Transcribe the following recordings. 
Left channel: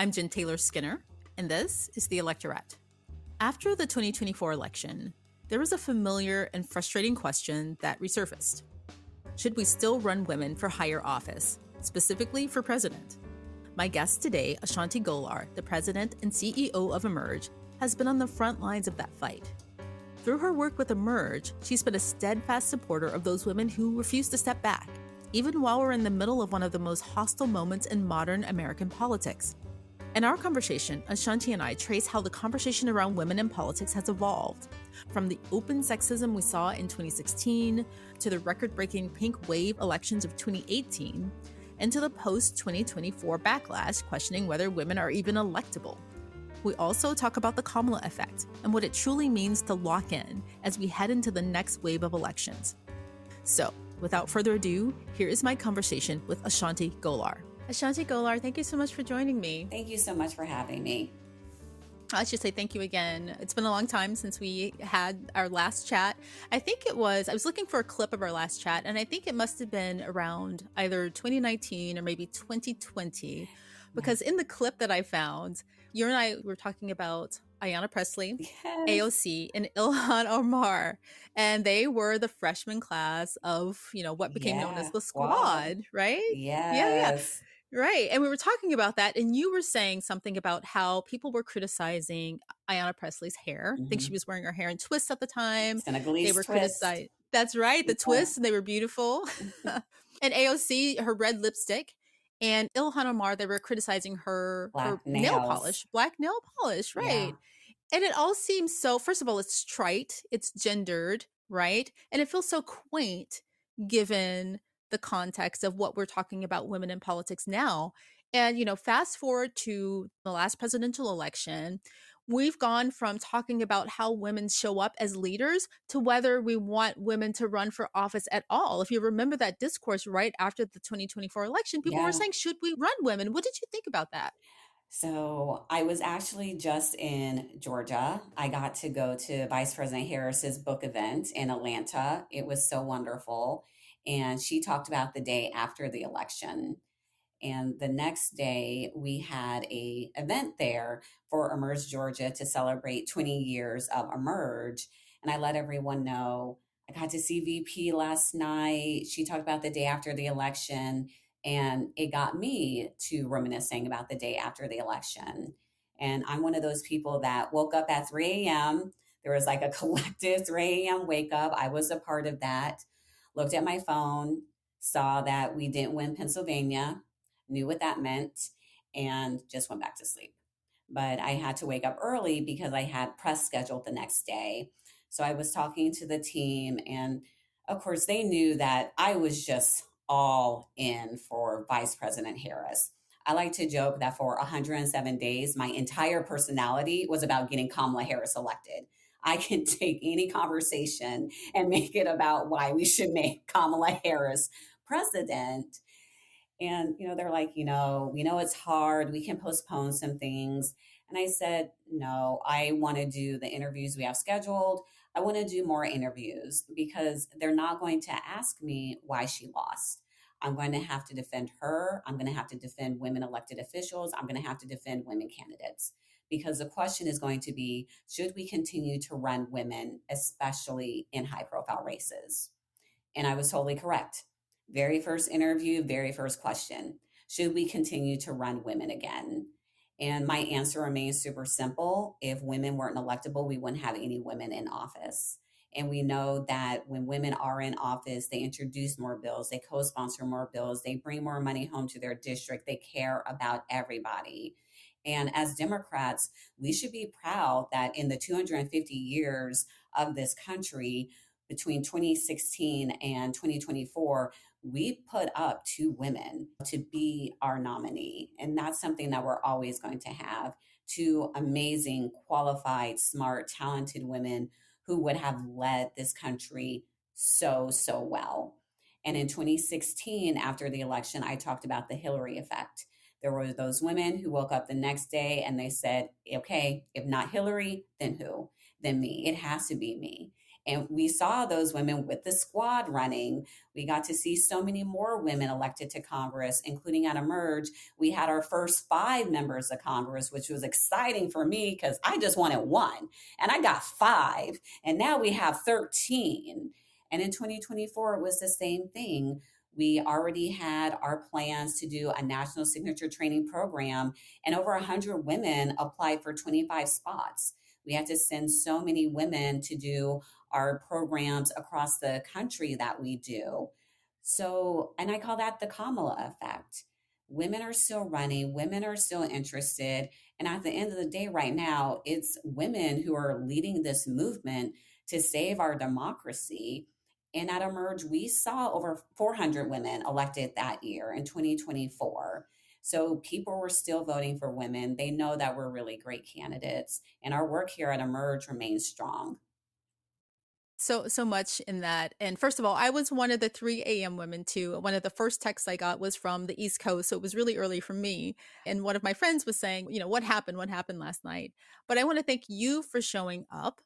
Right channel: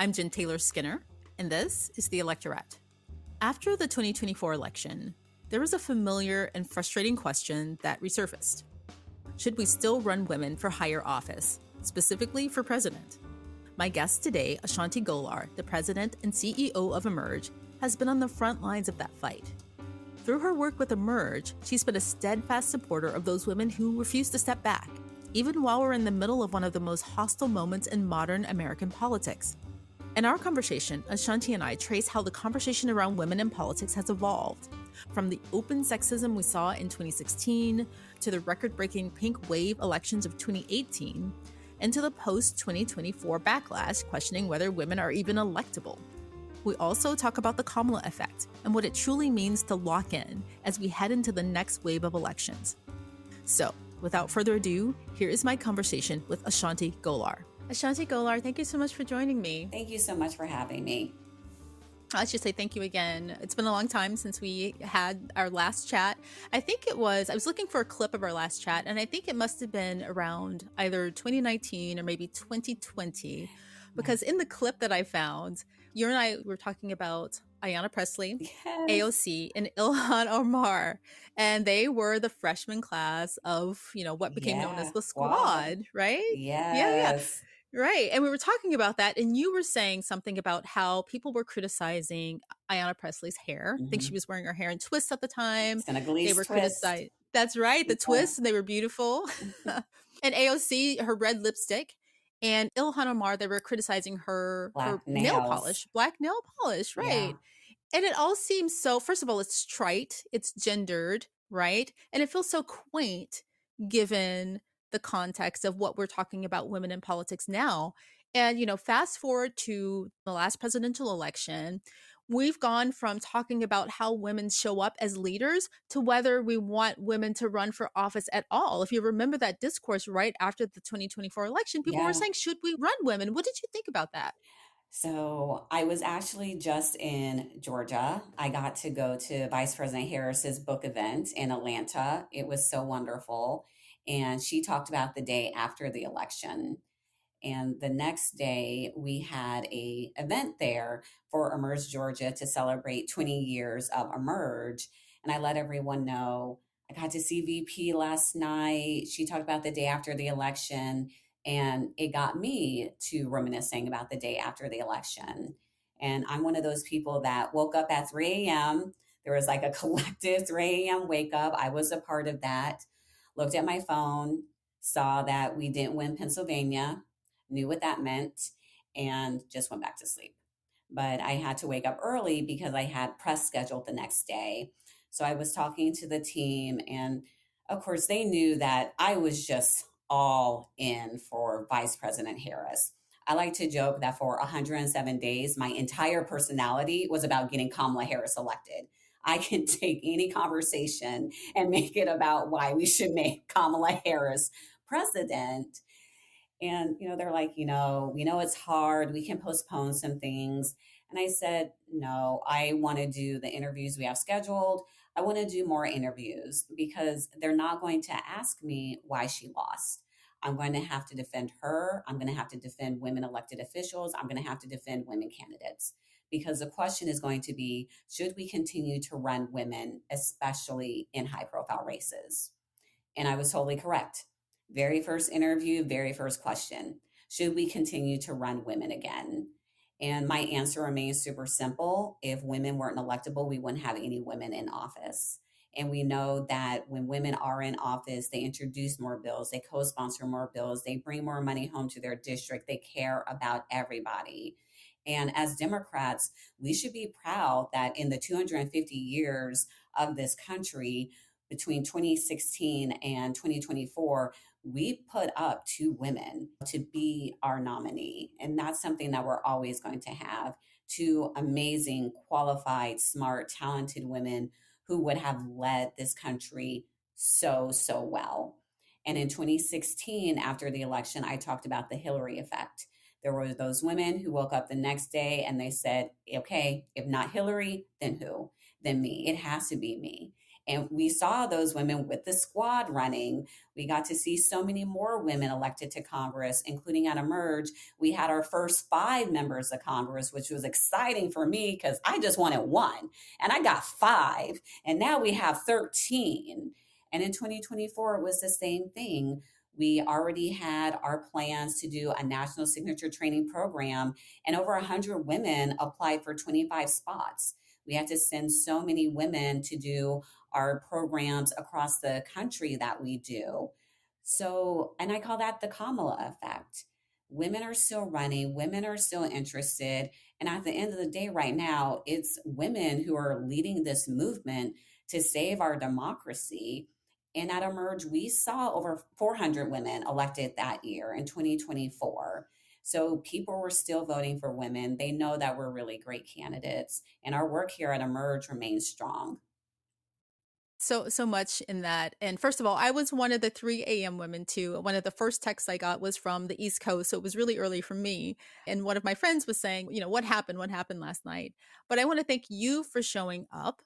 I'm Jen Taylor Skinner, and this is The Electorate. After the 2024 election, there was a familiar and frustrating question that resurfaced. Should we still run women for higher office, specifically for president? My guest today, Ashanti Gholar, the president and CEO of Emerge, has been on the front lines of that fight. Through her work with Emerge, she's been a steadfast supporter of those women who refuse to step back, even while we're in the middle of one of the most hostile moments in modern American politics. In our conversation, Ashanti and I trace how the conversation around women in politics has evolved, from the open sexism we saw in 2016 to the record-breaking pink wave elections of 2018, and to the post-2024 backlash questioning whether women are even electable. We also talk about the Kamala Effect and what it truly means to lock in as we head into the next wave of elections. So, without further ado, here is my conversation with Ashanti Gholar. Ashanti Gholar, thank you so much for joining me. Thank you so much for having me. I should say thank you again. It's been a long time since we had our last chat. I was looking for a clip of our last chat, and I think it must have been around either 2019 or maybe 2020, because in the clip that I found, you and I were talking about Ayanna Pressley, Yes. AOC, and Ilhan Omar, and they were the freshman class of, what became known as the squad, right? Yes. Right. And we were talking about that, and you were saying something about how people were criticizing Ayanna Presley's hair. I think she was wearing her hair in twists at the time. Senegalese They were criticizing. That's right. The twists, they were beautiful. And AOC, her red lipstick. And Ilhan Omar, they were criticizing her nail polish, black nail polish, right? Yeah. And it all seems so, first of all, it's trite, it's gendered, right? And it feels so quaint given the context of what we're talking about women in politics now. And, fast forward to the last presidential election, we've gone from talking about how women show up as leaders to whether we want women to run for office at all. If you remember that discourse right after the 2024 election, people were saying, should we run women? What did you think about that? So I was actually just in Georgia. I got to go to Vice President Harris's book event in Atlanta. It was so wonderful. And she talked about the day after the election. And the next day we had a event there for Emerge Georgia to celebrate 20 years of Emerge. And I let everyone know I got to see VP last night. She talked about the day after the election, and it got me to reminiscing about the day after the election. And I'm one of those people that woke up at 3 a.m. There was like a collective 3 a.m. wake up. I was a part of that. Looked at my phone, saw that we didn't win Pennsylvania, knew what that meant, and just went back to sleep. But I had to wake up early because I had press scheduled the next day. So I was talking to the team, and of course, they knew that I was just all in for Vice President Harris. I like to joke that for 107 days, my entire personality was about getting Kamala Harris elected. I can take any conversation and make it about why we should make Kamala Harris president. And, they're like, we know it's hard. We can postpone some things. And I said, no, I want to do the interviews we have scheduled. I want to do more interviews because they're not going to ask me why she lost. I'm going to have to defend her. I'm going to have to defend women elected officials. I'm going to have to defend women candidates, because the question is going to be, should we continue to run women, especially in high profile races? And I was totally correct. Very first interview, very first question, should we continue to run women again? And my answer remains super simple. If women weren't electable, we wouldn't have any women in office. And we know that when women are in office, they introduce more bills, they co-sponsor more bills, they bring more money home to their district, they care about everybody. And as Democrats, we should be proud that in the 250 years of this country, between 2016 and 2024, we put up 2 women to be our nominee. And that's something that we're always going to have. 2 amazing, qualified, smart, talented women who would have led this country so well. And in 2016, after the election, I talked about the Hillary effect. There were those women who woke up the next day and they said, okay, if not Hillary, then who? Then me. It has to be me. And we saw those women with the squad running. We got to see so many more women elected to Congress, including at Emerge. We had our first 5 members of Congress, which was exciting for me because I just wanted one. And I got 5. And now we have 13. And in 2024, it was the same thing. We already had our plans to do a national signature training program, and over 100 women applied for 25 spots. We had to send so many women to do our programs across the country that we do. So, and I call that the Kamala Effect. Women are still running, women are still interested. And at the end of the day, right now, it's women who are leading this movement to save our democracy. And at Emerge, we saw over 400 women elected that year in 2024. So people were still voting for women. They know that we're really great candidates, and our work here at Emerge remains strong. So much in that. And first of all, I was one of the 3 a.m. women too. One of the first texts I got was from the East Coast, so it was really early for me. And one of my friends was saying, what happened? What happened last night? But I want to thank you for showing up,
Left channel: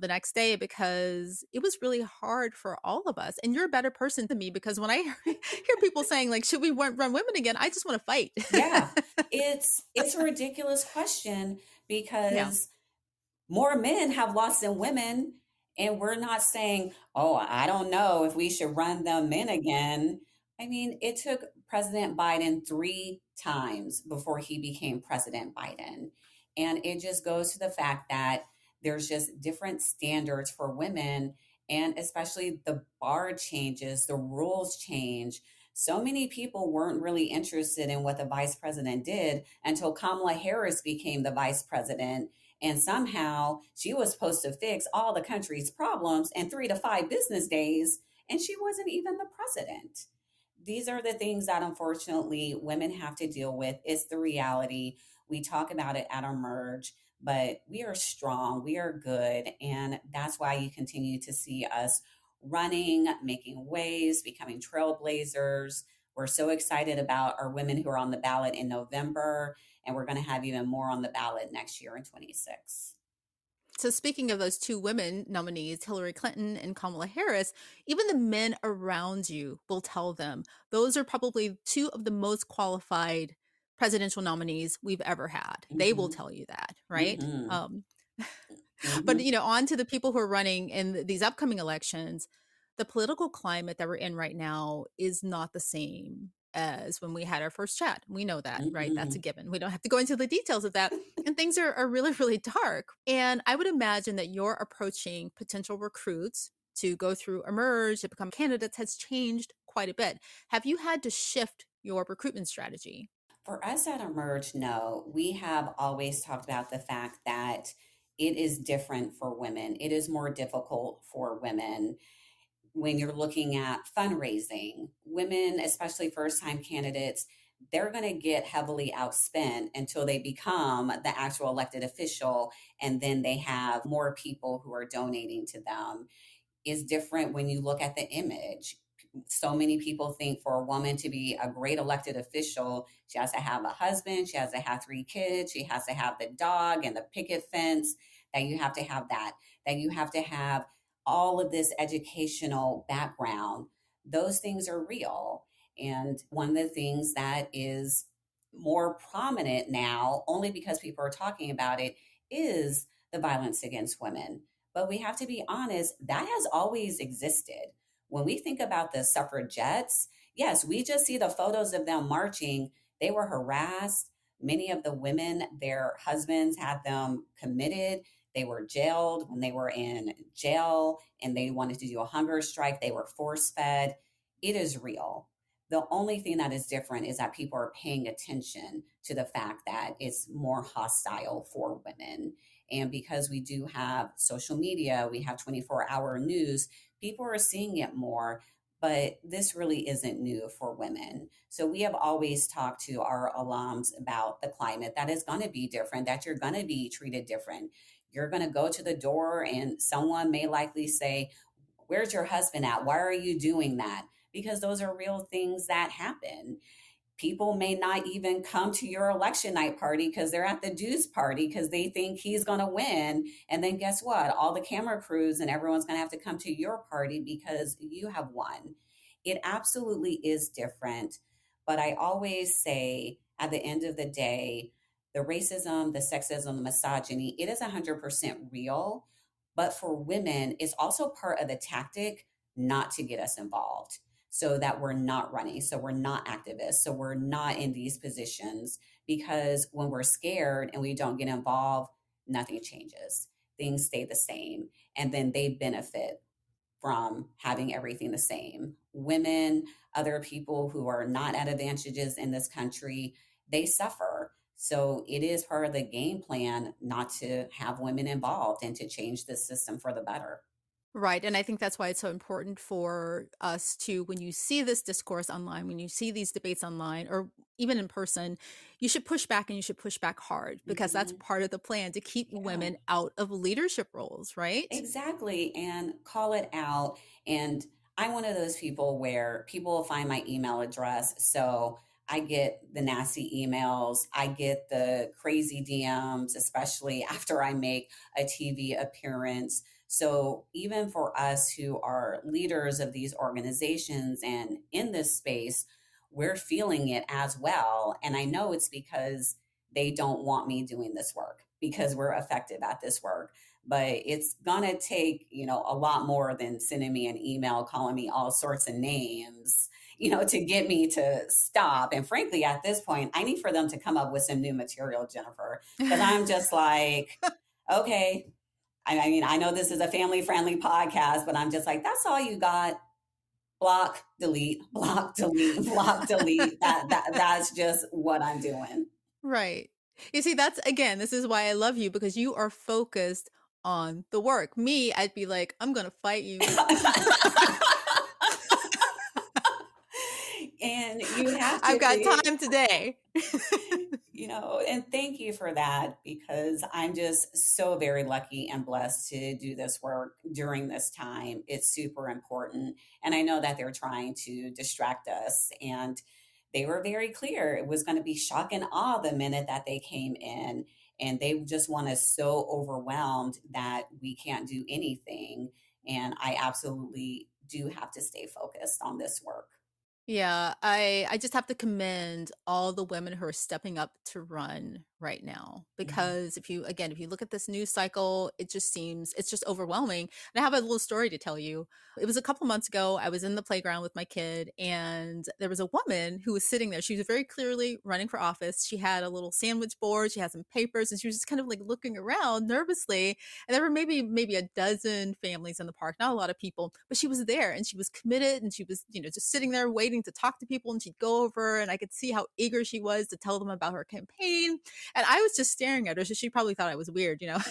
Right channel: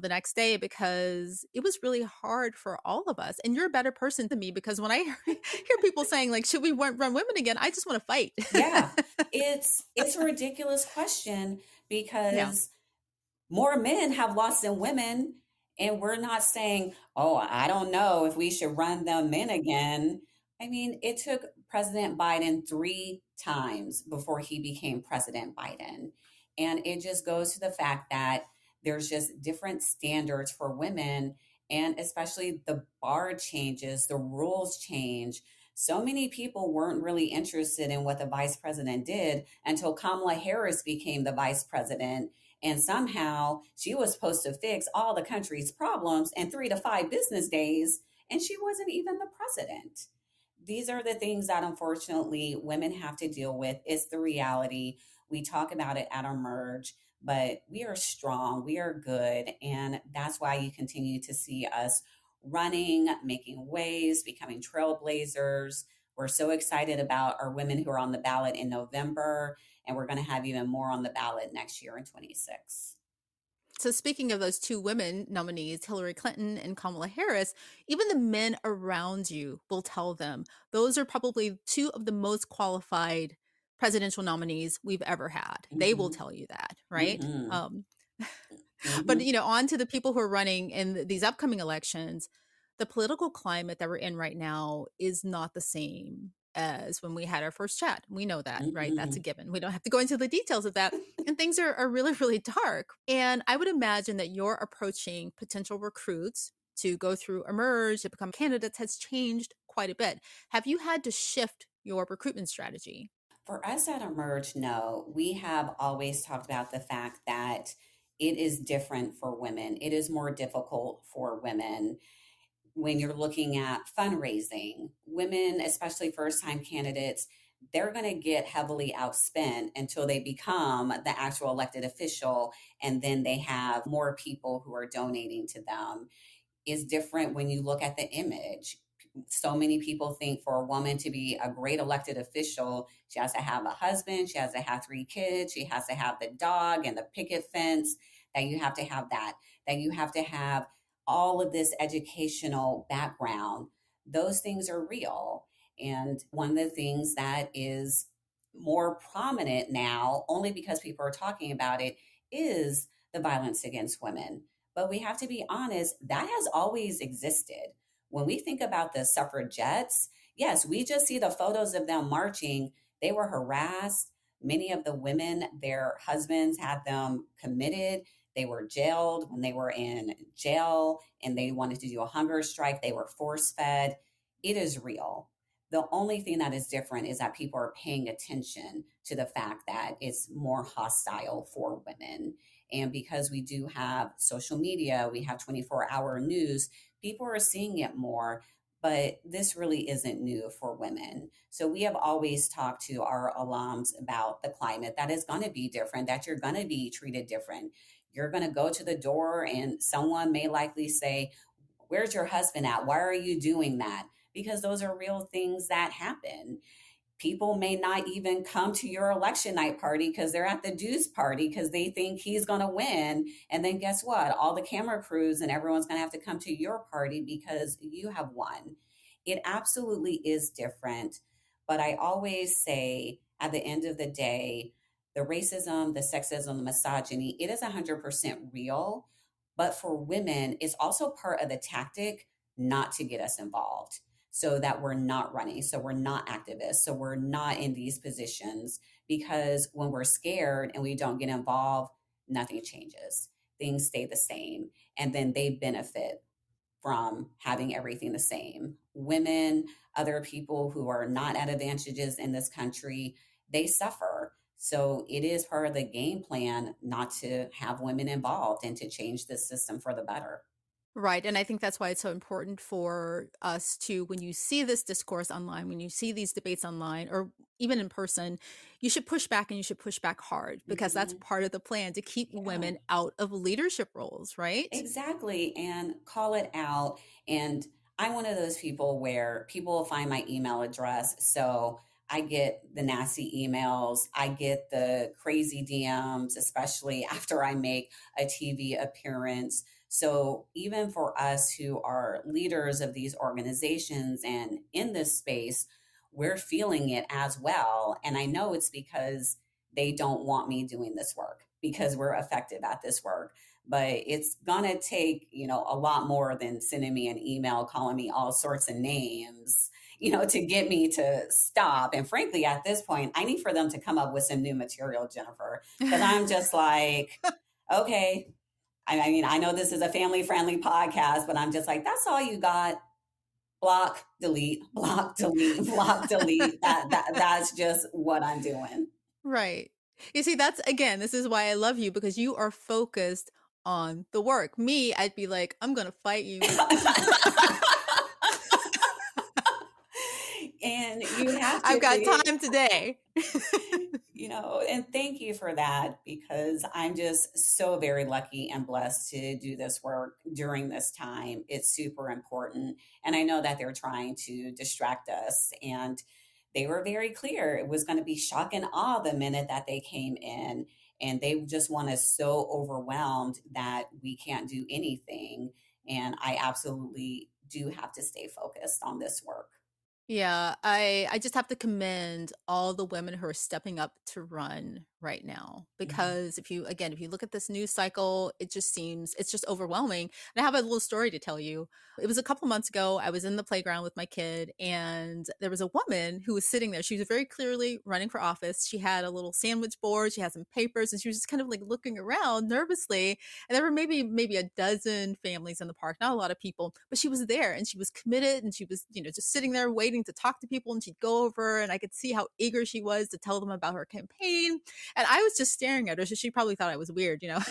the next day, because it was really hard for all of us. And you're a better person than me, because when I hear people saying like, should we run women again? I just want to fight. Yeah, it's a ridiculous question Yeah. because more men have lost than women. And we're not saying, oh, I don't know if we should run them in again. I mean, it took President Biden 3 times before he became President Biden. And it just goes to the fact that there's just different standards for women. And especially the bar changes, the rules change. So many people weren't really interested in what the vice president did until Kamala Harris became the vice president, and somehow she was supposed to fix all the country's problems in 3 to 5 business days, and she wasn't even the president. These are the things that unfortunately women have to deal with. It's the reality. We talk about it at our merge, but we are strong, we are good. And that's why you continue to see us running, making waves, becoming trailblazers. We're so excited about our women who are on the ballot in November, and we're going to have even more on the ballot next year in 26. So speaking of those 2 women nominees, Hillary Clinton and Kamala Harris, even the men around you will tell them those are probably 2 of the most qualified presidential nominees we've ever had. They will Mm-hmm. tell you that, right? Mm-hmm. But Mm-hmm. on to the people who are running in these upcoming elections. The political climate that we're in right now is not the same as when we had our first chat. We know that, right? That's Mm-hmm. a given. We don't have to go into the details of that. And things are really, really dark. And I would imagine that you're approaching potential recruits to go through Emerge, to become candidates, has changed quite a bit. Have you had to shift your recruitment strategy? For us at Emerge, no. We have always talked about the fact that it is different for women. It is more difficult for women when you're looking at fundraising. Women, especially first time candidates, they're going to get heavily outspent until they become the actual elected official. And then they have more people who are donating to them. Is different when you look at the image. So many people think for a woman to be a great elected official, she has to have a husband, she has to have 3 kids, she has to have the dog and the picket fence, that you have to have that you have to have all of this educational background. Those things are real. And one of the things that is more prominent now, only because people are talking about it, is the violence against women. But we have to be honest, that has always existed. When we think about the suffragettes, yes, we just see the photos of them marching. They were harassed. Many of the women, their husbands had them committed. They were jailed when they were in jail and they wanted to do a hunger strike. They were force fed. It is real. The only thing that is different is that people are paying attention to the fact that it's more hostile for women. And because we do have social media, we have 24-hour news, people are seeing it more. But this really isn't new for women. So we have always talked to our alums about the climate that is going to be different, that you're going to be treated different. You're going to go to the door and someone may likely say, where's your husband at? Why are you doing that? Because those are real things that happen. people may not even come to your election night party because they're at the Deuce party because they think he's going to win. And then guess what? All the camera crews and everyone's going to have to come to your party because you have won. It absolutely is different. But I always say at the end of the day, the racism, the sexism, the misogyny, it is 100% real. But for women, it's also part of the tactic not to get us involved so that we're not running, so we're not activists, so we're not in these positions. Because when we're scared and we don't get involved, nothing changes. Things stay the same. And then they benefit from having everything the same. Women, other people who are not at advantages in this country, they suffer. So it is part of the game plan not to have women involved and to change the system for the better. Right. And I think that's why it's so important for us to, when you see this discourse online, when you see these debates online or even in person, you should push back and you should push back hard because that's Mhm. part of the plan to keep Yeah. women out of leadership roles, right? Exactly. And call it out. And I'm one of those people where people will find my email address. So I get the nasty emails, I get the crazy DMs, especially after I make a TV appearance. So even for us who are leaders of these organizations and in this space, we're feeling it as well. And I know it's because they don't want me doing this work because we're effective at this work, but it's gonna take a lot more than sending me an email calling me all sorts of names to get me to stop. And frankly, at this point, I need for them to come up with some new material, Jennifer, because I'm just like, okay. I mean, I know this is a family friendly podcast, but I'm just like, that's all you got. Block, delete, block, delete, block, delete. That's just what I'm doing. Right. You see, that's again, this is why I love you because you are focused on the work. Me, I'd be like, I'm going to fight you. And you have I've to got be, time today. and thank you for that because I'm just so very lucky and blessed to do this work during this time. It's super important. And I know that they're trying to distract us. And they were very clear it was going to be shock and awe the minute that they came in. And they just want us so overwhelmed that we can't do anything. And I absolutely do have to stay focused on this work. Yeah, I just have to commend all the women who are stepping up to run right now Mhm. because if you look at this news cycle, it just seems it's just overwhelming. And I have a little story to tell you. It was a couple months ago. I was in the playground with my kid and there was a woman who was sitting there. She was very clearly running for office. She had a little sandwich board, she had some papers, and she was just kind of like looking around nervously. And there were maybe a dozen families in the park, not a lot of people, but she was there and she was committed and she was, just sitting there waiting to talk to people and she'd go over and I could see how eager she was to tell them about her campaign. And I was just staring at her. So she probably thought I was weird. Because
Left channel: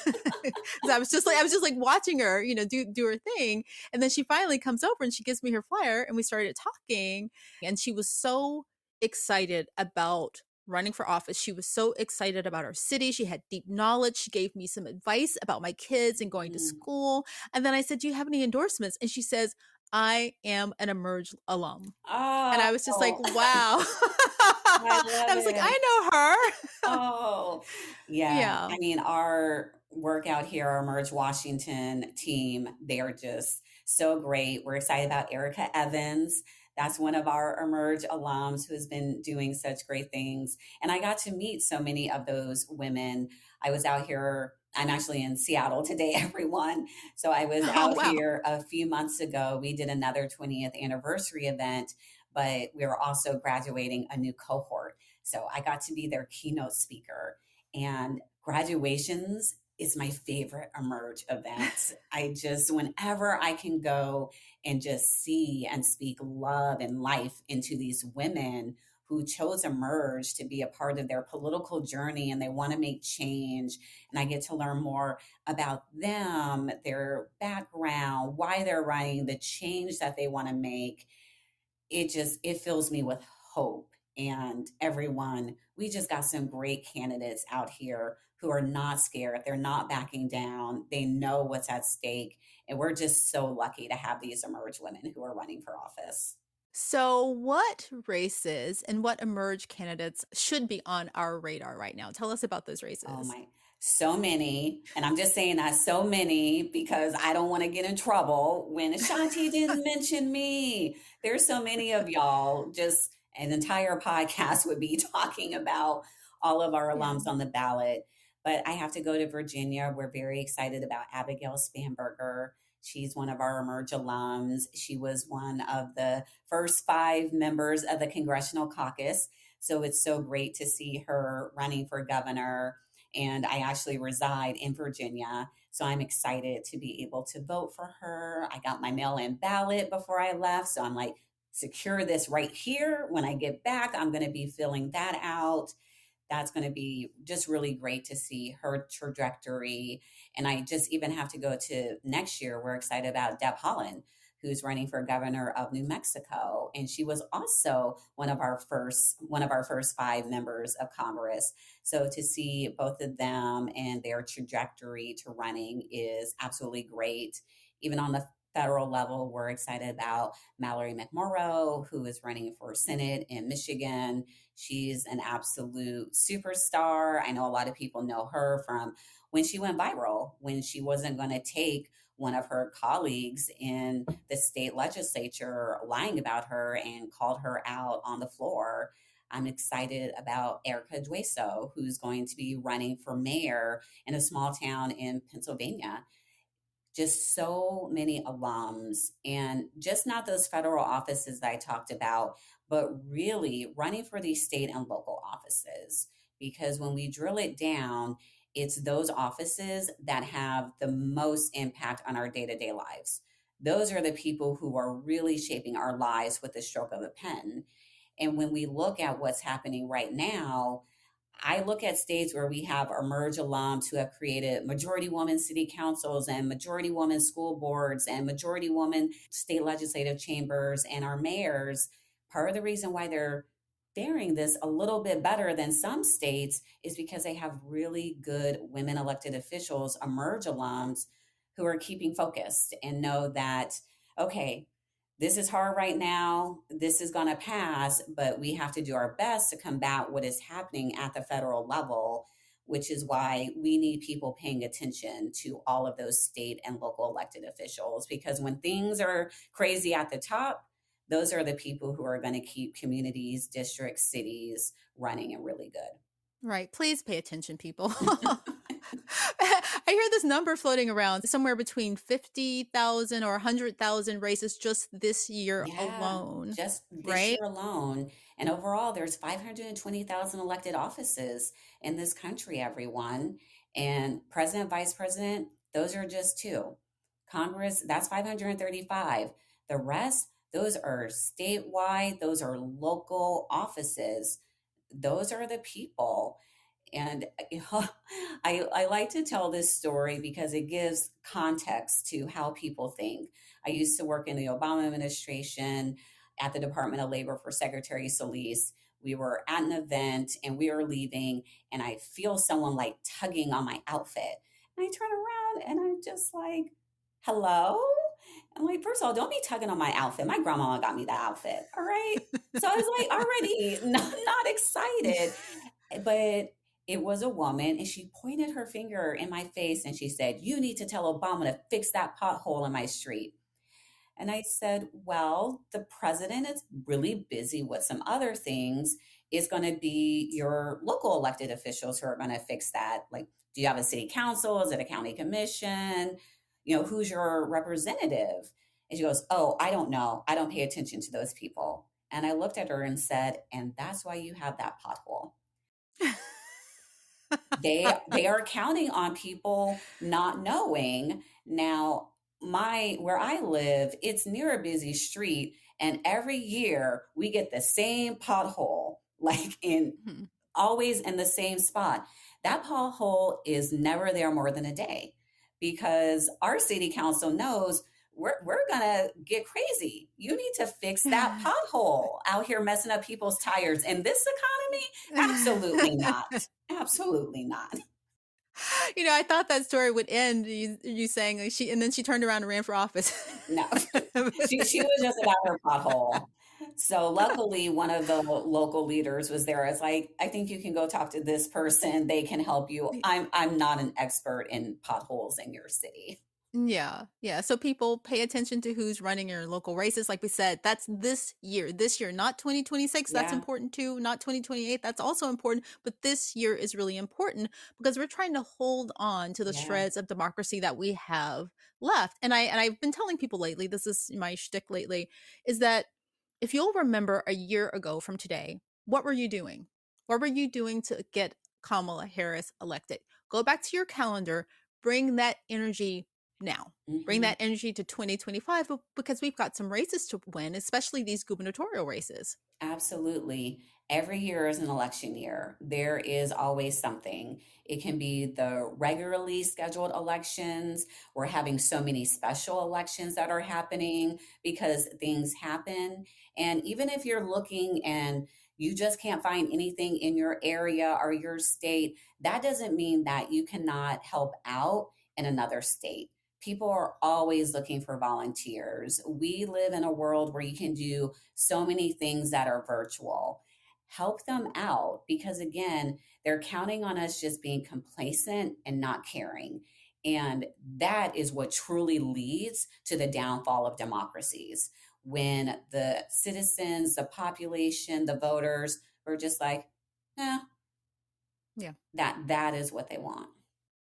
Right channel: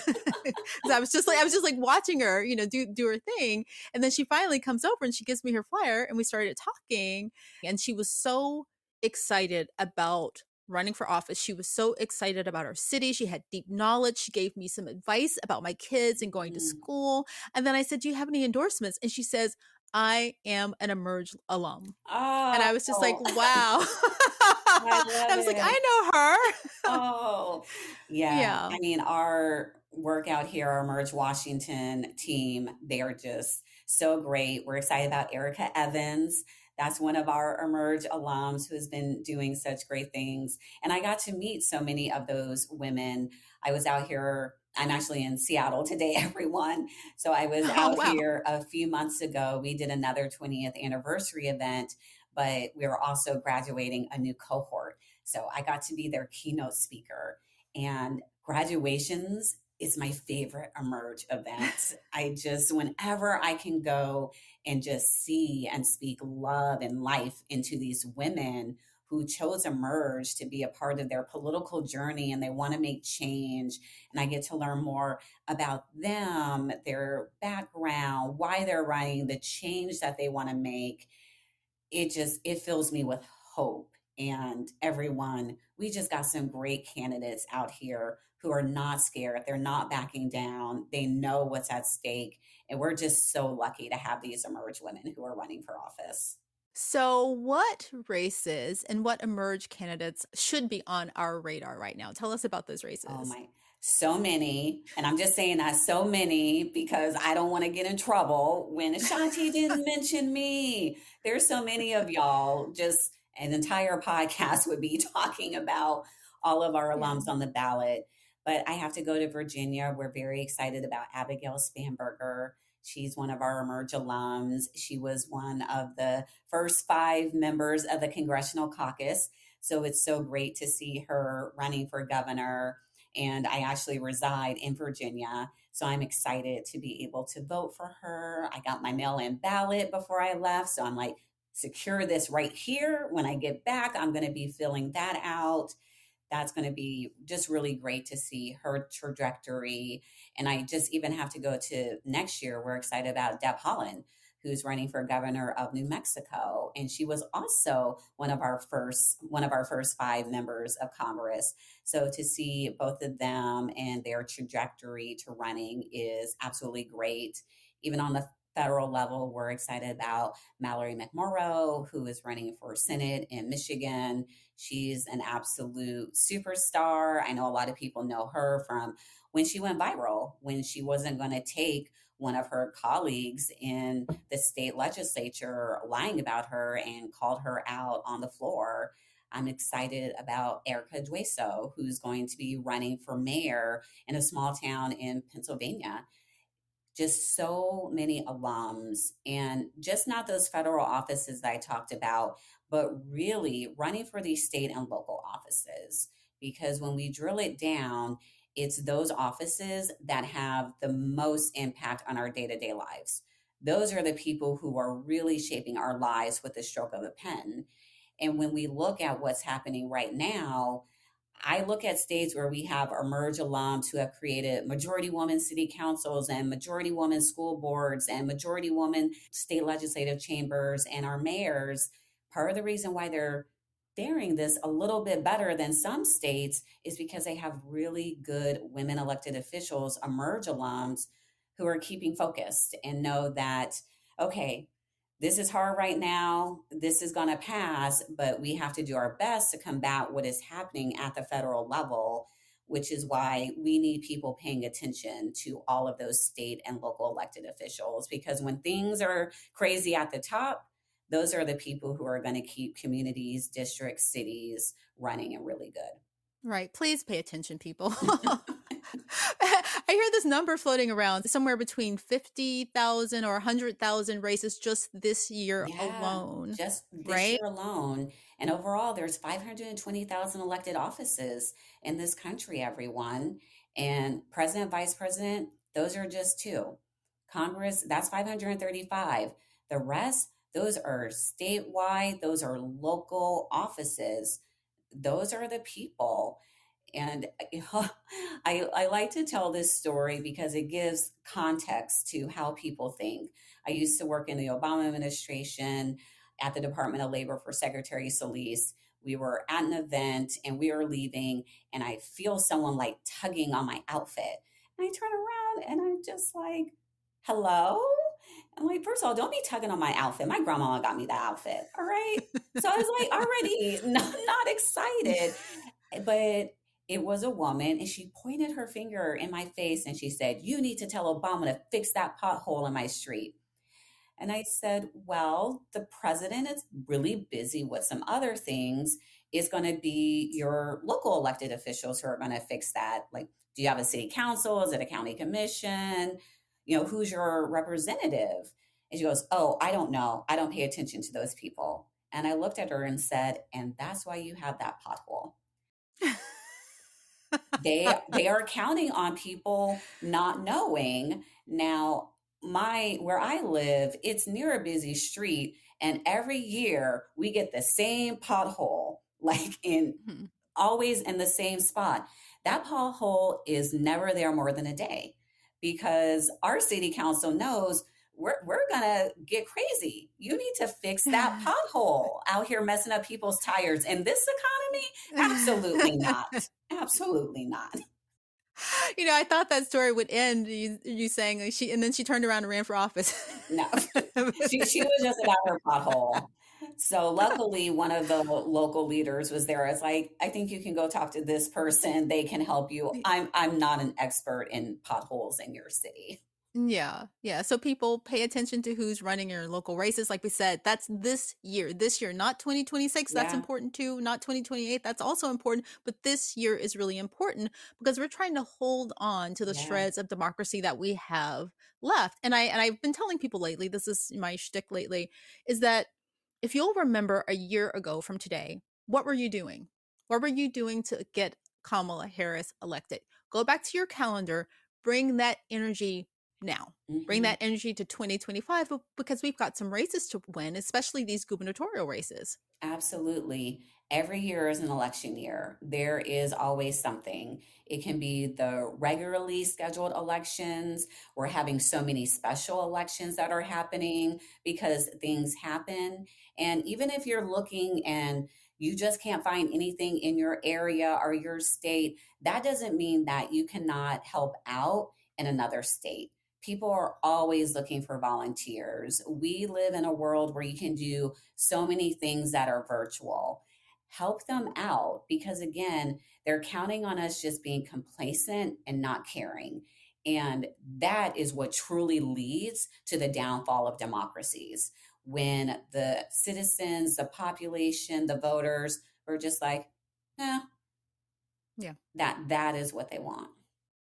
I was just like watching her, do her thing. And then she finally comes over and she gives me her flyer and we started talking. And she was so excited about running for office. She was so excited about our city. She had deep knowledge. She gave me some advice about my kids and going to Mm. school. And then I said, "Do you have any endorsements?" And she says, "I am an Emerge alum." And I was just like, Oh, wow. I I love was like, it. I know her. Oh, yeah. Yeah. I mean, our work out here, our Merge Washington team, they are just so great. We're excited about Erica Evans. That's one of our Emerge alums who has been doing such great things. And I got to meet so many of those women. I was out here, I'm actually in Seattle today, everyone. So I was Oh, out wow. here a few months ago. We did another 20th anniversary event, but we were also graduating a new cohort. So I got to be their keynote speaker. And graduations is my favorite Emerge event. Whenever I can go and just see and speak love and life into these women who chose Emerge to be a part of their political journey and they want to make change. And I get to learn more about them, their background, why they're running, the change that they want to make. It fills me with hope. And everyone, we just got some great candidates out here who are not scared, they're not backing down, they know what's at stake, and we're just so lucky to have these Emerge women who are running for office. So, what races and what emerged candidates should be on our radar right now? Tell us about those Oh races. my, so many. And I'm just saying that so many because I don't want to get in trouble when Ashanti didn't mention me. There's so many of y'all, just an entire podcast would be talking about all of our Yeah. alums on the ballot. But I have to go to Virginia. We're very excited about Abigail Spanberger. She's one of our Emerge alums. She was one of the first 5 members of the Congressional Caucus. So it's so great to see her running for governor, and I actually reside in Virginia. So I'm excited to be able to vote for her. I got my mail in ballot before I left. So I'm like, secure this right here. When I get back, I'm going to be filling that out. That's going to be just really great to see her trajectory. And I just even have to go to next year. We're excited about Deb Haaland, who's running for governor of New Mexico, and she was also one of our first 5 members of Congress. So to see both of them and their trajectory to running is absolutely great. Even on the federal level, we're excited about Mallory McMorrow, who is running for Senate in Michigan. She's an absolute superstar. I know a lot of people know her from when she went viral, when she wasn't going to take one of her colleagues in the state legislature lying about her and called her out on the floor. I'm excited about Erica Dueso, who's going to be running for mayor in a small town in Pennsylvania. Just so many alums, and just not those federal offices that I talked about, but really running for these state and local offices. Because when we drill it down, it's those offices that have the most impact on our day to day lives. Those are the people who are really shaping our lives with the stroke of a pen. And when we look at what's happening right now, I look at states where we have Emerge alums who have created majority woman city councils and majority woman school boards and majority woman state legislative chambers and our mayors. Part of the reason why they're faring this a little bit better than some states is because they have really good women elected officials, Emerge alums, who are keeping focused and know that, okay, this is hard right now. This is going to pass, but we have to do our best to combat what is happening at the federal level, which is why we need people paying attention to all of those state and local elected officials. Because when things are crazy at the top, those are the people who are going to keep communities, districts, cities running and really Right. Please pay attention, people. good. I hear this number floating around somewhere between 50,000 or 100,000 races just this year Yeah, alone, just this right? year alone. And overall, there's 520,000 elected offices in this country, everyone. And president, vice president, those are just 2. Congress, that's 535. The rest, those are statewide, those are local offices. Those are the people. And I like to tell this story because it gives context to how people think. I used to work in the Obama administration at the Department of Labor for Secretary Solis. We were at an event and we were leaving, and I feel someone like tugging on my outfit. And I turn around and I'm just like, hello? I'm like, first of all, don't be tugging on my outfit. My grandma got me that outfit. All right. So I was like, already not excited. But it was a woman, and she pointed her finger in my face and she said, "You need to tell Obama to fix that pothole in my street." And I said, "Well, the president is really busy with some other things. It's going to be your local elected officials who are going to fix that. Like, do you have a city council? Is it a county commission? Who's your representative?" And she goes, "Oh, I don't know. I don't pay attention to those people." And I looked at her and said, "And that's why you have that pothole." They are counting on people not knowing. Now, my where I live, it's near a busy street, and every year we get the same pothole, like in Mhm. always in the same spot. That pothole is never there more than a day because our city council knows we're gonna get crazy. You need to fix that pothole out here messing up people's tires in this economy. Absolutely not. Absolutely not. I thought that story would end you saying like and then she turned around and ran for office. No, she was just about her pothole. So luckily, one of the local leaders was there. I was like, I think you can go talk to this person. They can help you. I'm not an expert in potholes in your city. Yeah, yeah. So people pay attention to who's running your local races. Like we said, that's this year, not 2026. That's Yeah, important too. Not 2028. That's also important. But this year is really important because we're trying to hold on to the yeah. shreds of democracy that we have left. And I've been telling people lately, this is my shtick lately, is that if you'll remember a year ago from today, what were you doing? What were you doing to get Kamala Harris elected? Go back to your calendar, bring that energy now. Bring Hmm. that energy to 2025 because we've got some races to win, especially these gubernatorial races. Absolutely. Every year is an election year. There is always something. It can be the regularly scheduled elections. We're having so many special elections that are happening because things happen. And even if you're looking and you just can't find anything in your area or your state, that doesn't mean that you cannot help out in another state. People are always looking for volunteers. We live in a world where you can do so many things that are virtual. Help them out because, again, they're counting on us just being complacent and not caring. And that is what truly leads to the downfall of democracies. When the citizens, the population, the voters are just like, eh, Yeah. that is what they want.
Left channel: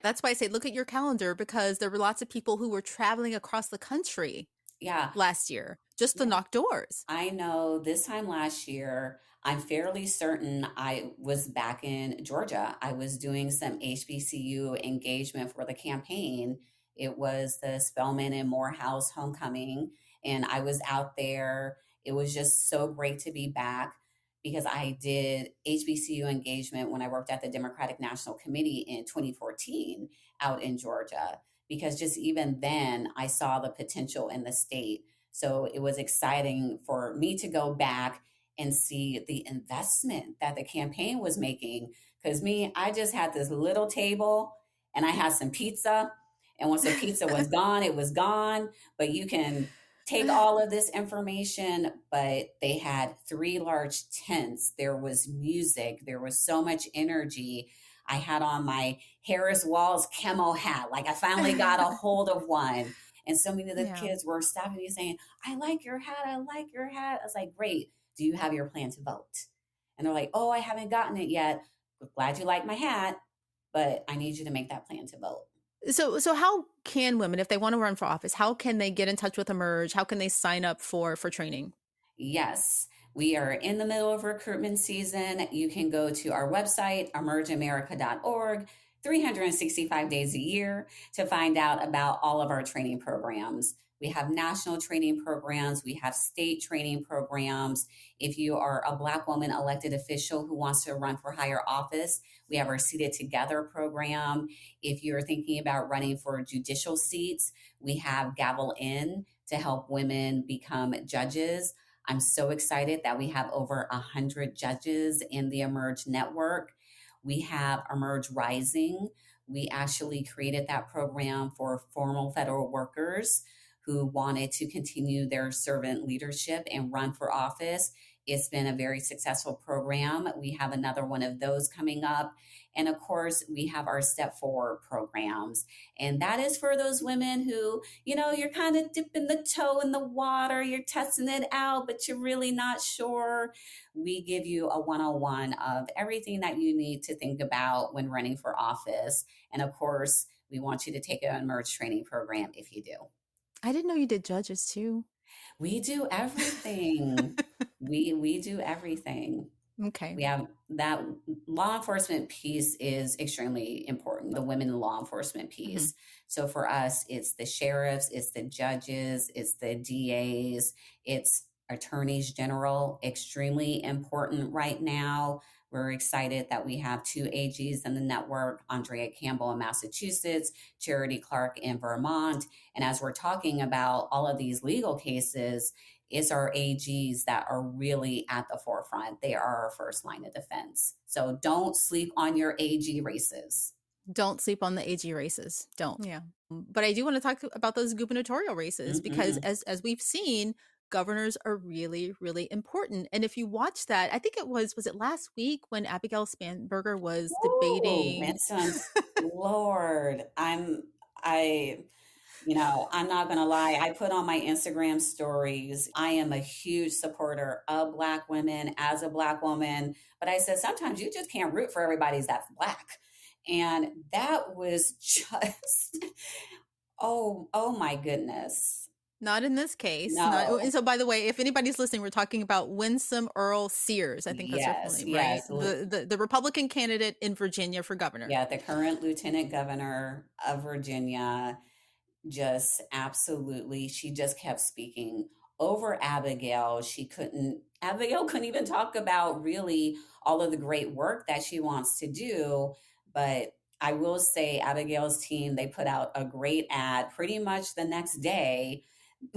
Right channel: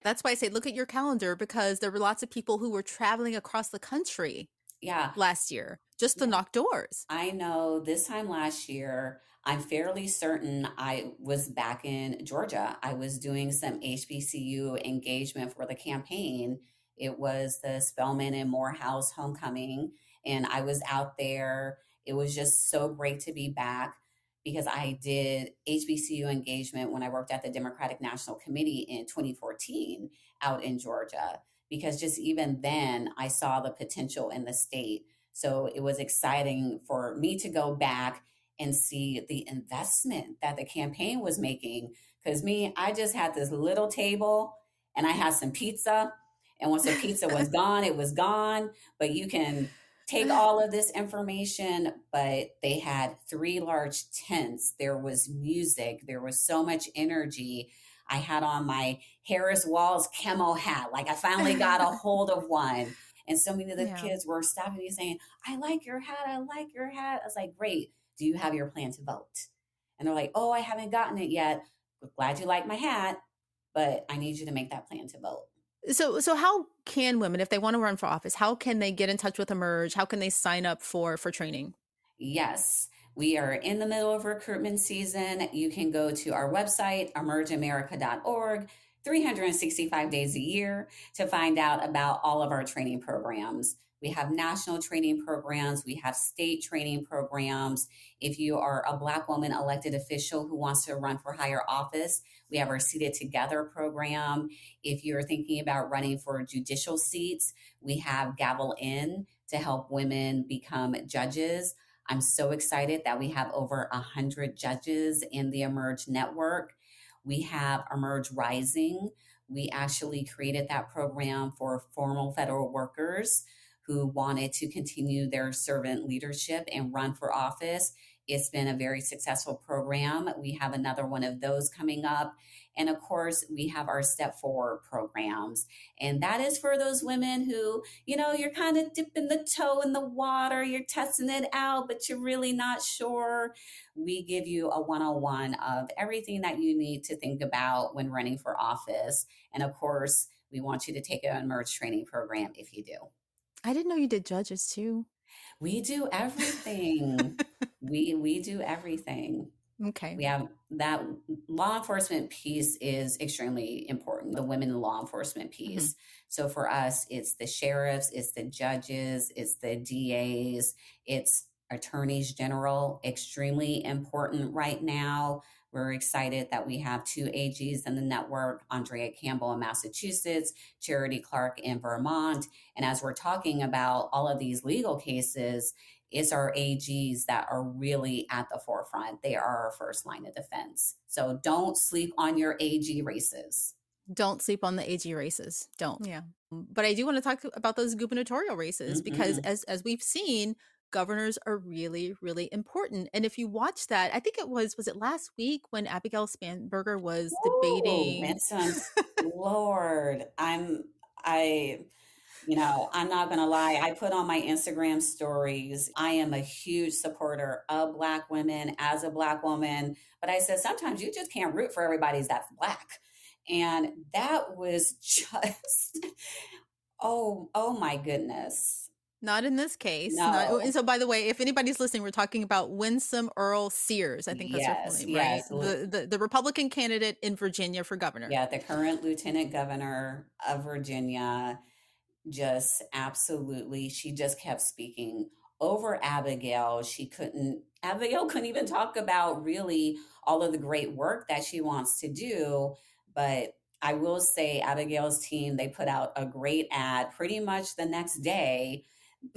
That's why I say look at your calendar because there were lots of people who were traveling across the country Yeah. last year just to Yeah. knock doors. I know this time last year, I'm fairly certain I was back in Georgia. I was doing some HBCU engagement for the campaign. It was the Spelman and Morehouse homecoming, and I was out there. It was just so great to be back because I did HBCU engagement when I worked at the Democratic National Committee in 2014 out in Georgia. Because just even then, I saw the potential in the state, so it was exciting for me to go back and see the investment that the campaign was making. Because me, I just had this little table and I had some pizza. And once the pizza was gone, it was gone. But you can take all of this information. But they had three large tents. There was music, there was so much energy. I had on my Harris Walls camo hat. Like I finally got a hold of one. And so many of the Yeah. kids were stopping me saying, I like your hat. I like your hat. I was like, great. Do you have your plan to vote? And they're like, oh, I haven't gotten it yet. Glad you like my hat, but I need you to make that plan to vote. So how can women, if they want to run for office, how can they get in touch with Emerge? How can they sign up for training? Yes, we are in the middle of recruitment season. You can go to our website, emergeamerica.org, 365 days a year to find out about all of our training programs. We have national training programs, we have state training programs. If you are a Black woman elected official who wants to run for higher office, we have our Seated Together program. If you're thinking about running for judicial seats, we have Gavel In to help women become judges. I'm so excited that we have over 100 judges in the Emerge network. We have Emerge Rising. We actually created that program for formal federal workers who wanted to continue their servant leadership and run for office. It's been a very successful program. We have another one of those coming up. And of course, we have our Step Forward programs. And that is for those women who, you're kind of dipping the toe in the water, you're testing it out, but you're really not sure. We give you a 101 of everything that you need to think about when running for office. And of course, we want you to take an Emerge training program if you do. I didn't know you did judges too. We do everything. We do everything. Okay. We have that law enforcement piece is extremely important, the women in law enforcement Mhm. piece. So for us, it's the sheriffs, it's the judges, it's the DAs, it's attorneys general, extremely important right now. We're excited that we have two AGs in the network, Andrea Campbell in Massachusetts, Charity Clark in Vermont. And as we're talking about all of these legal cases, it's our AGs that are really at the forefront. They are our first line of defense. So don't sleep on your AG races. Don't sleep on the AG races. Don't. Yeah. But I do want to talk about those gubernatorial races because Mm-hmm. as we've seen, governors are really, really important. And if you watch that, I think was it last week when Abigail Spanberger was Oh, debating? Winsome Lord. I, I'm not gonna lie. I put on my Instagram stories. I am a huge supporter of Black women as a Black woman, but I said sometimes you just can't root for everybody that's Black. And that was just, oh my goodness. Not in this case. Not. And No. so, by the way, if anybody's listening, we're talking about Winsome Earl Sears. I think that's her full Yes, name, right? yes. The Republican candidate in Virginia for governor. Yeah, the current lieutenant governor of Virginia, just absolutely, she just kept speaking over Abigail. Abigail couldn't even talk about really all of the great work that she wants to do. But I will say, Abigail's team, they put out a great ad pretty much the next day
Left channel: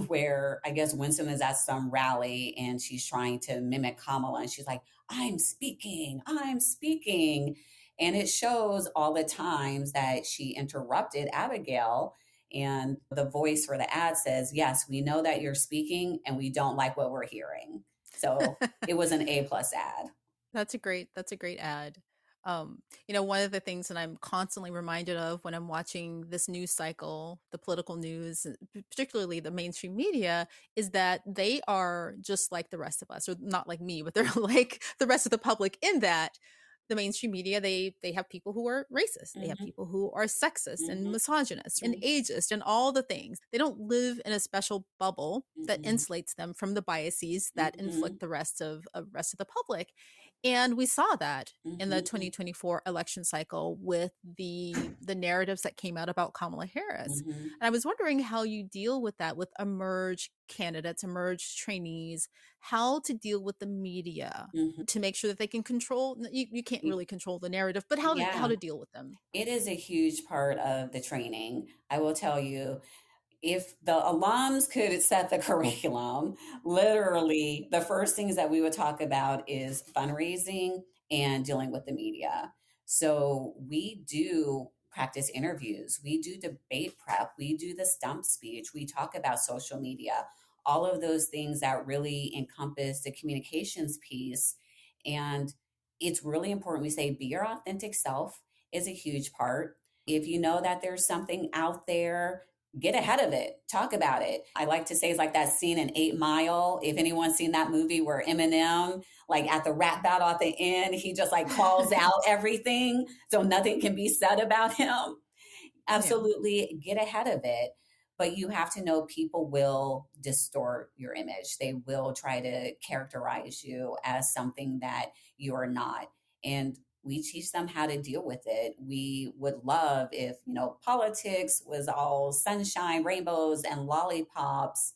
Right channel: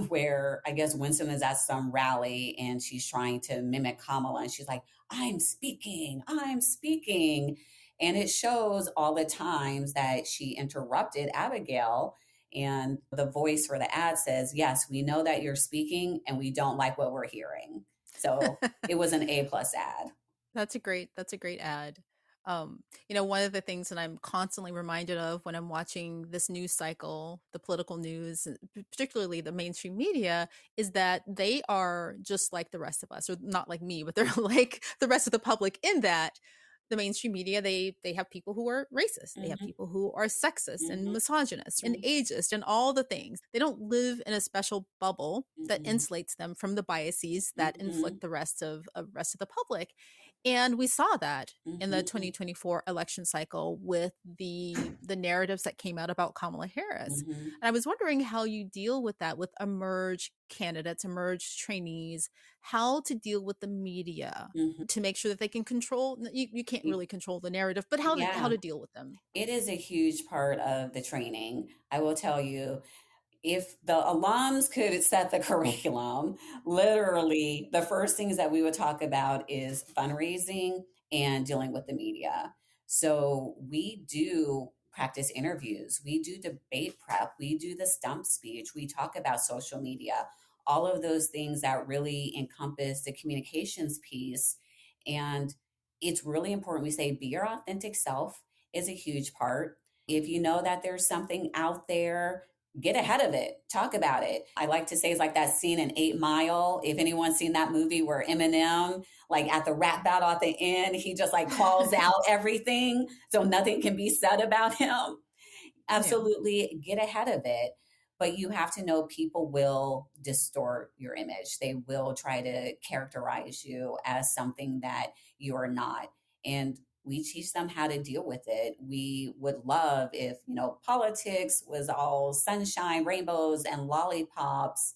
where I guess Winston is at some rally and she's trying to mimic Kamala and she's like, I'm speaking, I'm speaking. And it shows all the times that she interrupted Abigail. And the voice for the ad says, yes, we know that you're speaking and we don't like what we're hearing. So it was an A+ ad. That's a great ad. One of the things that I'm constantly reminded of when I'm watching this news cycle, the political news, particularly the mainstream media, is that they are just like the rest of us, or not like me, but they're like the rest of the public in that the mainstream media, they have people who are racist, they have Mm-hmm, people who are sexist and mm-hmm, misogynist and ageist and all the things. They don't live in a special bubble that mm-hmm, insulates them from the biases that mm-hmm, inflict the rest of the public. And we saw that in the mm-hmm, 2024 election cycle with the narratives that came out about Kamala Harris. mm-hmm, And I was wondering how you deal with that with emerge candidates, emerge trainees, how to deal with the media mm-hmm. to make sure that they can control you can't really control the narrative, but how Yeah, to deal with them. it is a huge part of the training. I will tell you, if the alums could set the curriculum, literally the first things that we would talk about is fundraising and dealing with the media. So we do practice interviews, we do debate prep, we do the stump speech, we talk about social media, all of those things that really encompass the communications piece. And it's really important we say be your authentic self is a huge part. If you know that there's something out there, get ahead of it, talk about it. I like to say it's like that scene in 8 Mile. If anyone's seen that movie where Eminem, like at the rap battle at the end, he just like calls out everything so nothing can be said about him. Yeah. Absolutely get ahead of it. But you have to know people will distort your image. They will try to characterize you as something that you are not. And we teach them how to deal with it. We would love if, politics was all sunshine, rainbows, and lollipops,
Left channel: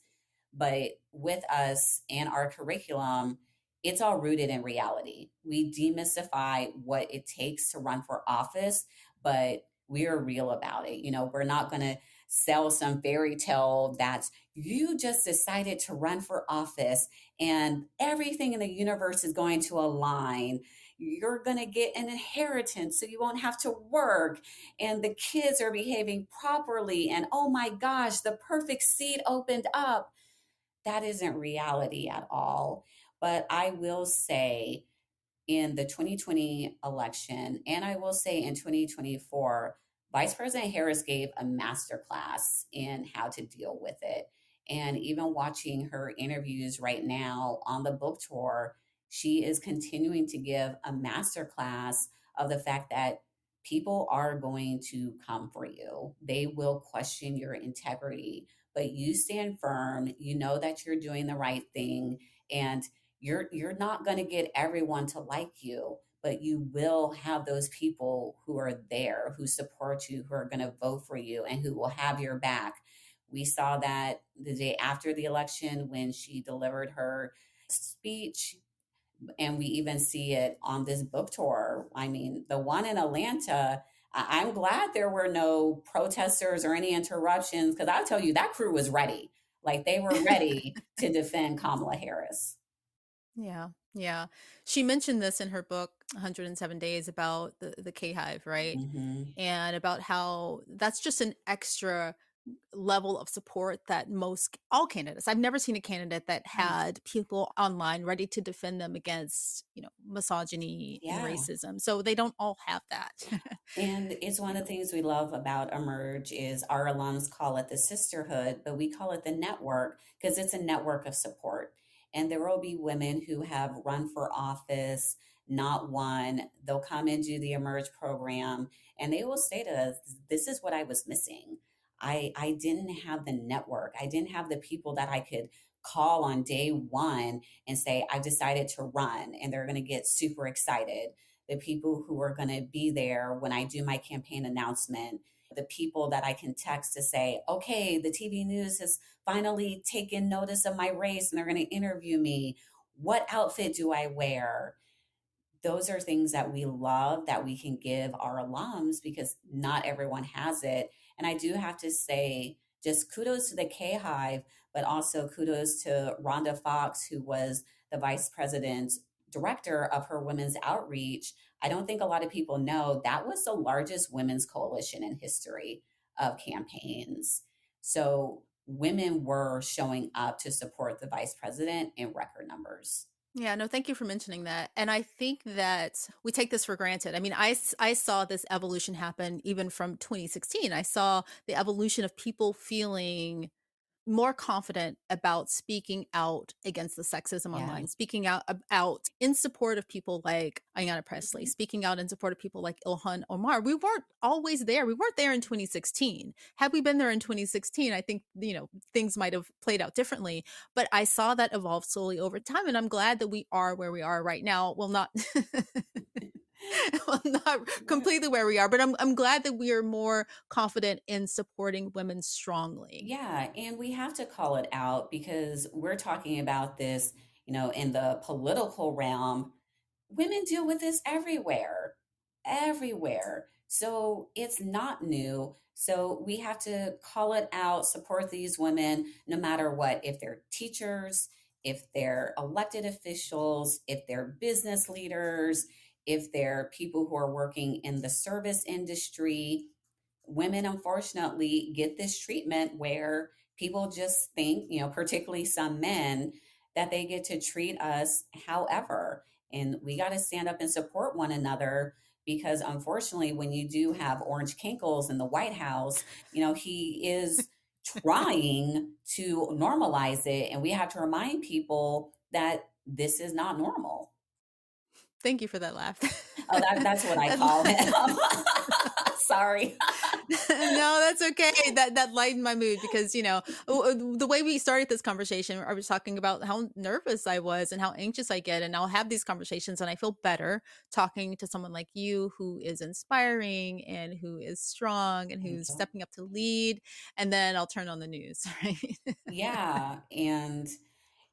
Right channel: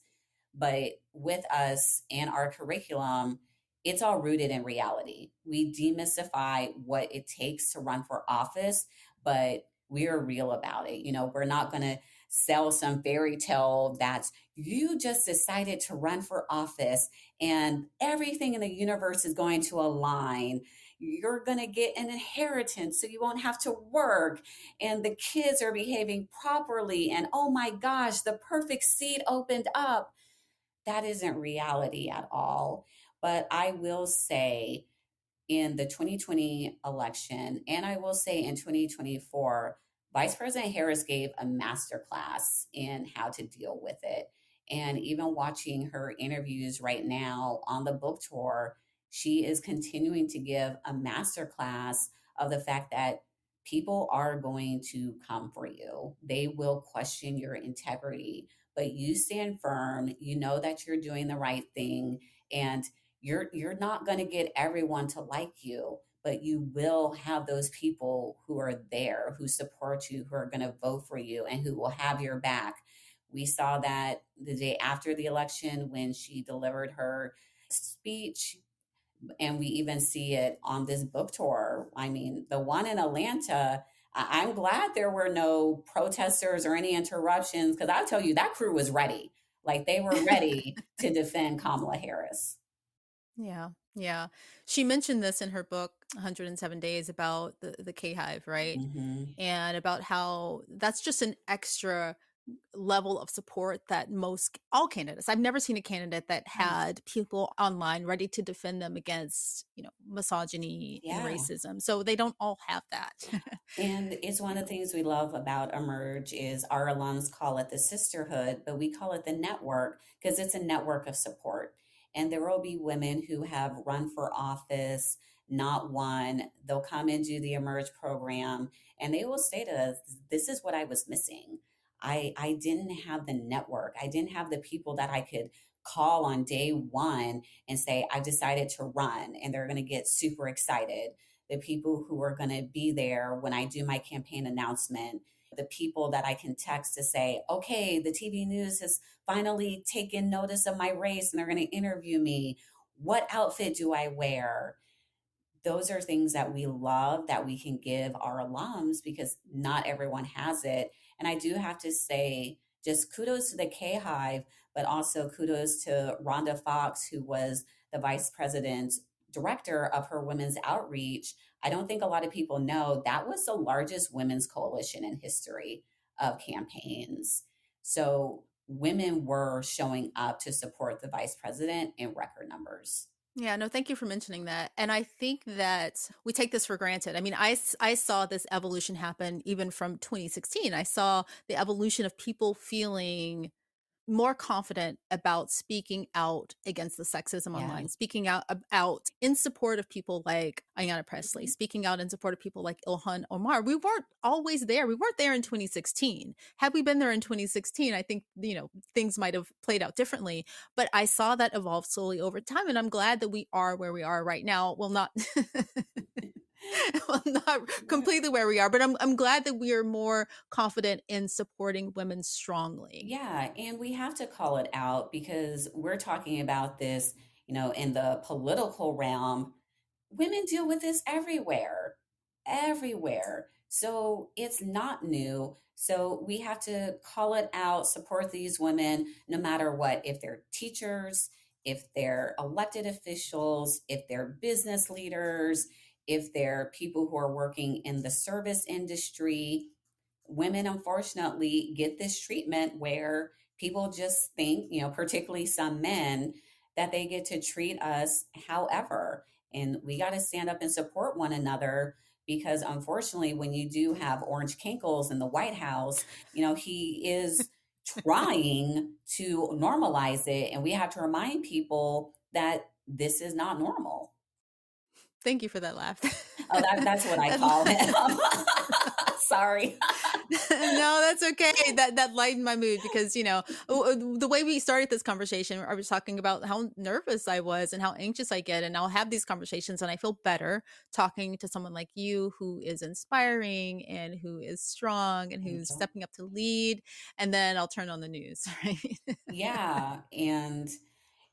but with us and our curriculum, it's all rooted in reality. We demystify what it takes to run for office, but we're real about it. We're not going to sell some fairy tale that's you just decided to run for office and everything in the universe is going to align. You're going to get an inheritance so you won't have to work, and the kids are behaving properly, and oh my gosh, the perfect seed opened up. That isn't reality at all. But I will say in the 2020 election, and I will say in 2024, Vice President Harris gave a masterclass in how to deal with it. And even watching her interviews right now on the book tour, she is continuing to give a masterclass of the fact that people are going to come for you. They will question your integrity, but you stand firm. You know that you're doing the right thing, and you're not going to get everyone to like you, but you will have those people who are there, who support you, who are going to vote for you, and who will have your back. We saw that the day after the election when she delivered her speech, and we even see it on this book tour. I mean, the one in Atlanta, I'm glad there were no protesters or any interruptions, because I'll tell you, that crew was ready. Like they were ready to defend Kamala Harris. Yeah, yeah. She mentioned this in her book 107 Days about the K Hive, right? Mm-hmm. And about how that's just an extra level of support that most all candidates. I've never seen a candidate that had people online ready to defend them against, misogyny and Yeah. racism. So they don't all have that. And it's one of the things we love about Emerge is our alums call it the sisterhood, but we call it the network because it's a network of support. And there will be women who have run for office, not won. They'll come and do the Emerge program and they will say to us, this is what I was missing. I didn't have the network. I didn't have the people that I could call on day one and say, I decided to run, and they're going to get super excited. The people who are going to be there when I do my campaign announcement, the people that I can text to say, okay, the TV news has finally taken notice of my race and they're going to interview me. What outfit do I wear? Those are things that we love that we can give our alums because not everyone has it. And I do have to say, just kudos to the K Hive, but also kudos to Rhonda Fox, who was the vice president's director of her women's outreach. I don't think a lot of people know that was the largest women's coalition in history of campaigns. So women were showing up to support the vice president in record numbers. Yeah, no, thank you for mentioning that. And I think that we take this for granted. I mean, I saw this evolution happen even from 2016. I saw the evolution of people feeling more confident about speaking out against the sexism Yeah. online, speaking out in support of people like Ayanna Presley, speaking out in support of people like Ilhan Omar. We weren't always there. We weren't there in 2016. Had we been there in 2016, I think, things might have played out differently. But I saw that evolve slowly over time. And I'm glad that we are where we are right now. Well, not well, not completely where we are, but I'm glad that we are more confident in supporting women strongly. Yeah, and we have to call it out because we're talking about this, in the political realm. Women deal with this everywhere, everywhere. So it's not new. So we have to call it out, support these women no matter what. If they're teachers, if they're elected officials, if they're business leaders, if they're people who are working in the service industry, women unfortunately get this treatment where people just think, particularly some men, that they get to treat us however. And we got to stand up and support one another because unfortunately, when you do have Orange Kinkles in the White House, he is trying to normalize it. And we have to remind people that this is not normal. Thank you for that laugh. Oh, that's what I call him. Sorry. No, that's okay. That lightened my mood because the way we started this conversation, I was talking about how nervous I was and how anxious I get, and I'll have these conversations and I feel better talking to someone like you who is inspiring and who is strong and who's stepping up to lead, and then I'll turn on the news, right? Yeah, and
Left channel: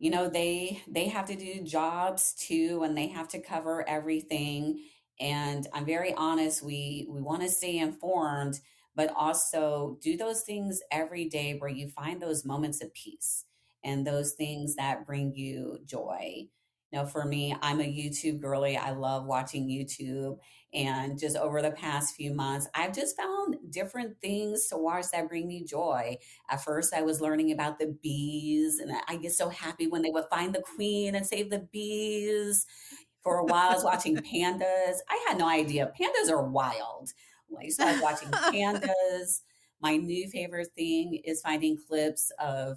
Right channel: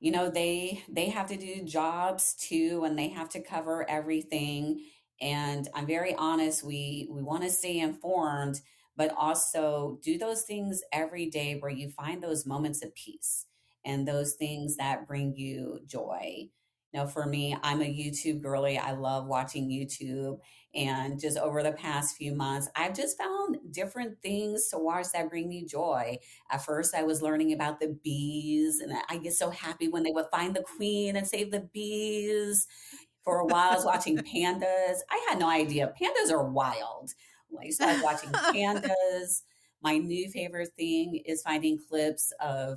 they have to do jobs too, and they have to cover everything. And I'm very honest, we want to stay informed, but also do those things every day where you find those moments of peace and those things that bring you joy. For me, I'm a YouTube girly. I love watching YouTube. And just over the past few months, I've just found different things to watch that bring me joy. At first, I was learning about the bees, and I get so happy when they would find the queen and save the bees. For a while, I was watching pandas. I had no idea. Pandas are wild. I started watching pandas. My new favorite thing is finding clips of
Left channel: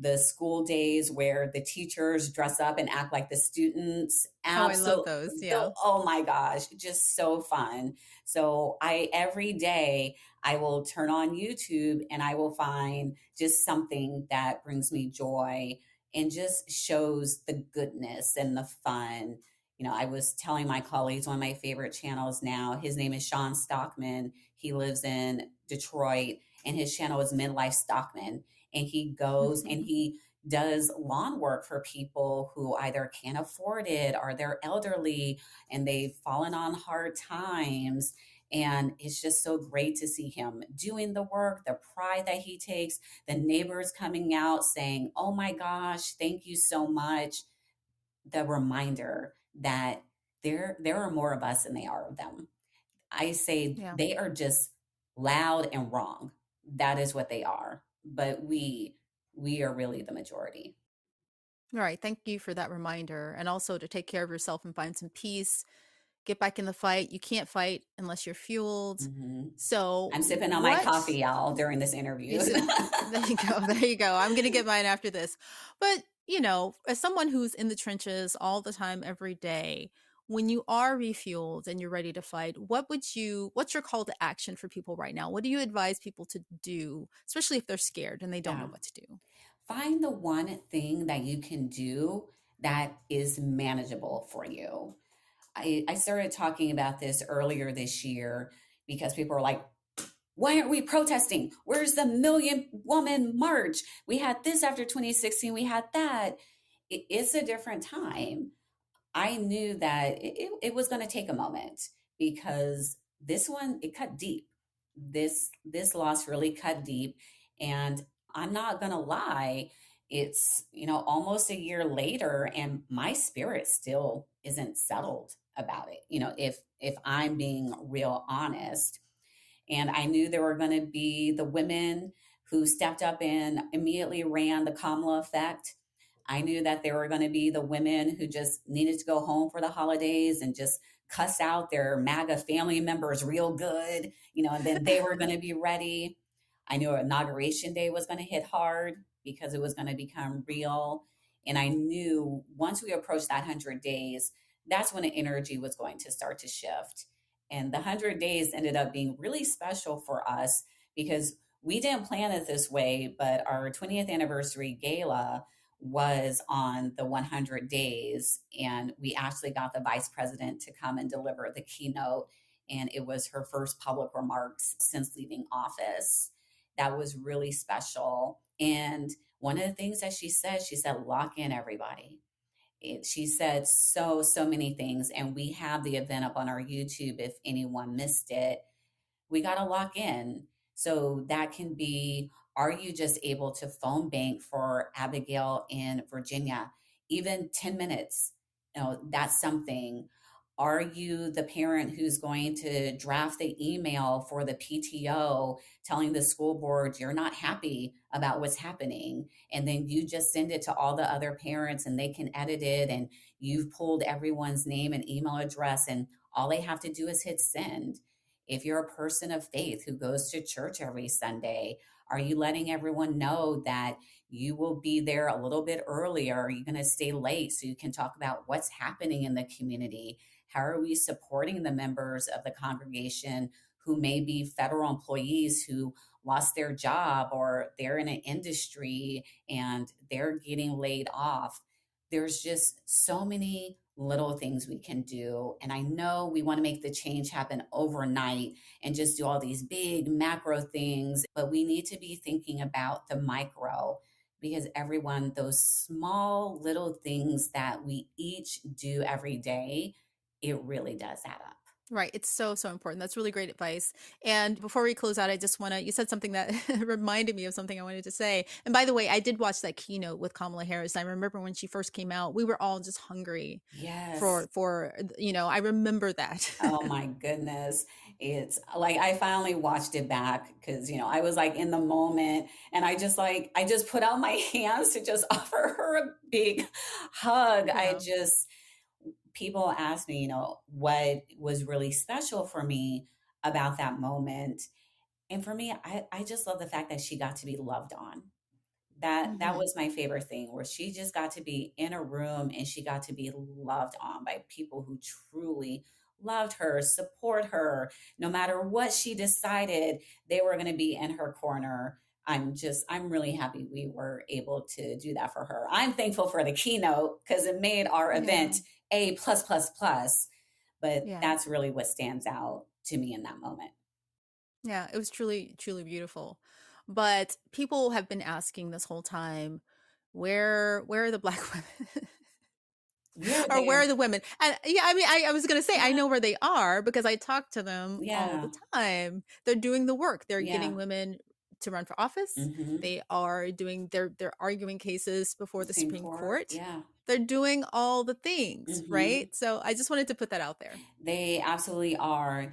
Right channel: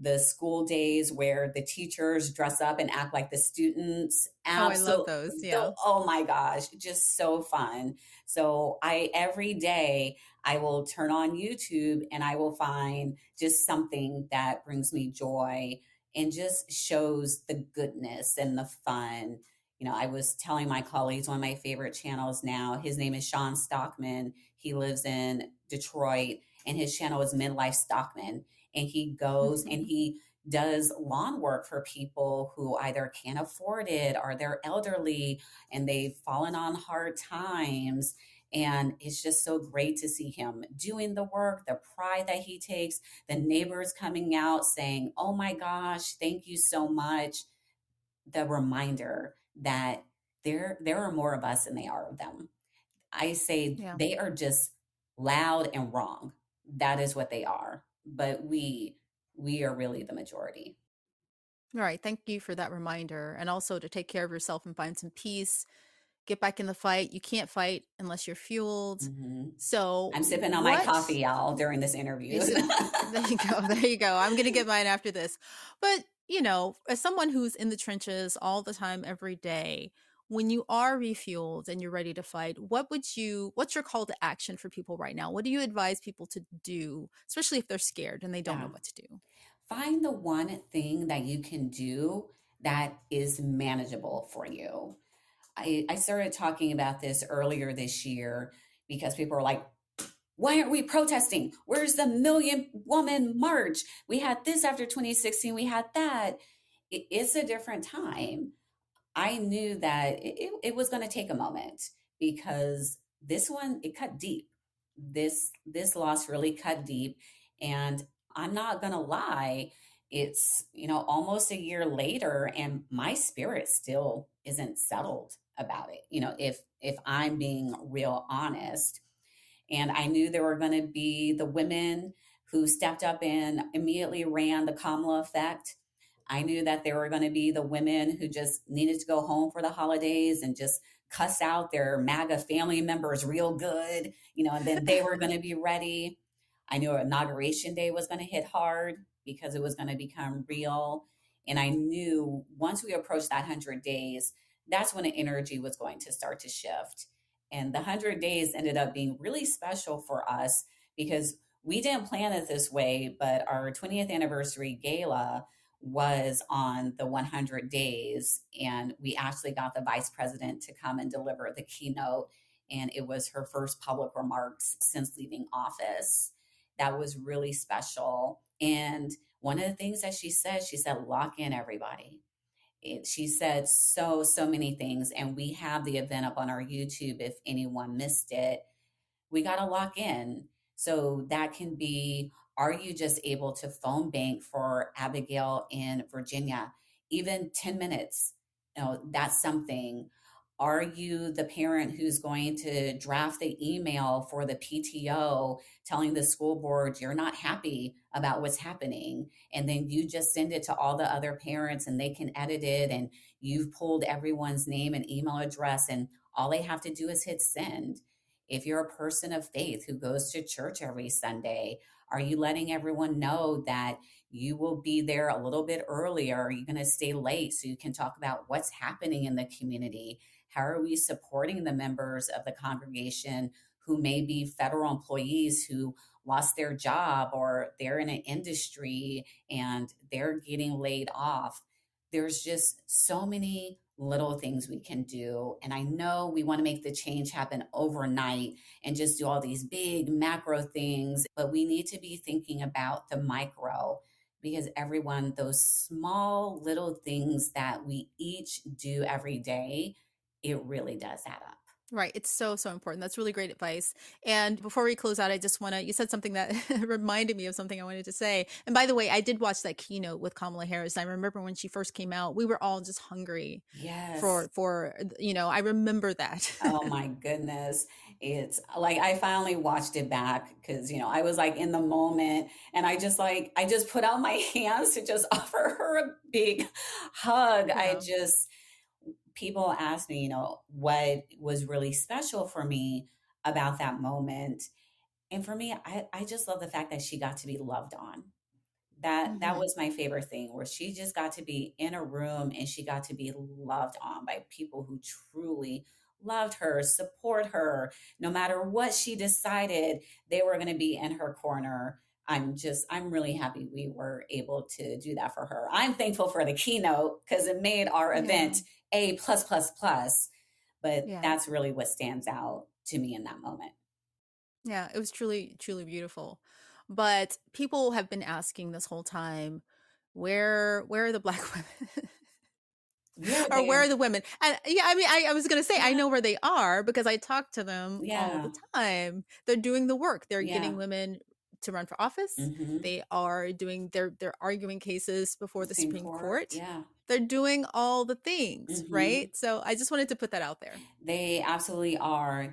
the school days where the teachers dress up and act like the students. Oh, I love those. Yeah. Oh my gosh, just so fun. So every day I will turn on YouTube and I will find just something that brings me joy and just shows the goodness and the fun. I was telling my colleagues one of my favorite channels now, his name is Sean Stockman. He lives in Detroit and his channel is Midlife Stockman. And he goes and he does lawn work for people who either can't afford it or they're elderly and they've fallen on hard times. And it's just so great to see him doing the work, the pride that he takes, the neighbors coming out saying, oh my gosh, thank you so much. The reminder that there are more of us than they are of them. I say Yeah. they are just loud and wrong. That is what they are. but we are really the majority. All right. Thank you for that reminder. And also to take care of yourself and find some peace. Get back in the fight. You can't fight unless you're fueled. Hmm. So, I'm sipping on my what coffee, y'all, during this interview. you said, there you go. There you go. I'm going to get mine after this. But, as someone who's in the trenches all the time, every day, when you are refueled and you're ready to fight, what's your call to action for people right now? What do you advise people to do, especially if they're scared and they don't Yeah. know what to do? Find the one thing that you can do that is manageable for you. I started talking about this earlier this year because people are like, why aren't we protesting? Where's the million woman march? We had this after 2016, we had that. It's a different time. I knew that it was going to take a moment because this one, it cut deep. This loss really cut deep. And I'm not going to lie, it's, almost a year later and my spirit still isn't settled about it. If I'm being real honest, and I knew there were going to be the women who stepped up and immediately ran the Kamala Effect. I knew that there were going to be the women who just needed to go home for the holidays and just cuss out their MAGA family members real good, and then they were going to be ready. I knew Inauguration Day was going to hit hard because it was going to become real. And I knew once we approached that 100 days, that's when the energy was going to start to shift. And the 100 days ended up being really special for us because we didn't plan it this way, but our 20th anniversary gala was on the 100 days. And we actually got the vice president to come and deliver the keynote. And it was her first public remarks since leaving office. That was really special. And one of the things that she said, lock in everybody. She said so many things, and we have the event up on our YouTube if anyone missed it. We got to lock in. So that can be, are you just able to phone bank for Abigail in Virginia? Even 10 minutes, that's something. Are you the parent who's going to draft the email for the PTO telling the school board you're not happy about what's happening? And then you just send it to all the other parents and they can edit it, and you've pulled everyone's name and email address, and all they have to do is hit send. If you're a person of faith who goes to church every Sunday, are you letting everyone know that you will be there a little bit earlier? Are you going to stay late so you can talk about what's happening in the community? How are we supporting the members of the congregation who may be federal employees who lost their job, or they're in an industry and they're getting laid off? There's just so many little things we can do. And I know we want to make the change happen overnight and just do all these big macro things, but we need to be thinking about the micro, because everyone, those small little things that we each do every day, it really does add up. Right. It's so important. That's really great advice. And before we close out, I just want to, you said something that reminded me of something I wanted to say. And by the way, I did watch that keynote with Kamala Harris. I remember when she first came out, we were all just hungry Yes. I remember that. Oh my goodness. It's like I finally watched it back because, I was like in the moment, and I just put out my hands to just offer her a big hug. Yeah. People ask me, what was really special for me about that moment. And for me, I just love the fact that she got to be loved on. That Hmm. was my favorite thing, where she just got to be in a room and she got to be loved on by people who truly loved her, support her. No matter what she decided, they were going to be in her corner. I'm really happy we were able to do that for her. I'm thankful for the keynote because it made our Yeah. event A plus plus plus. But Yeah. that's really what stands out to me in that moment. Yeah. It was truly beautiful. But people have been asking this whole time, where are the Black women? We are Or where there. are the women? And yeah, I mean, I was gonna say I Yeah. know where they are because I talk to them all Yeah. the time. They're doing the work. They're Yeah. getting women to run for office. Hmm. They are doing they're arguing cases before the Supreme Court. Yeah. They're doing all the things, Hmm. right? So I just wanted to put that out there. They absolutely are.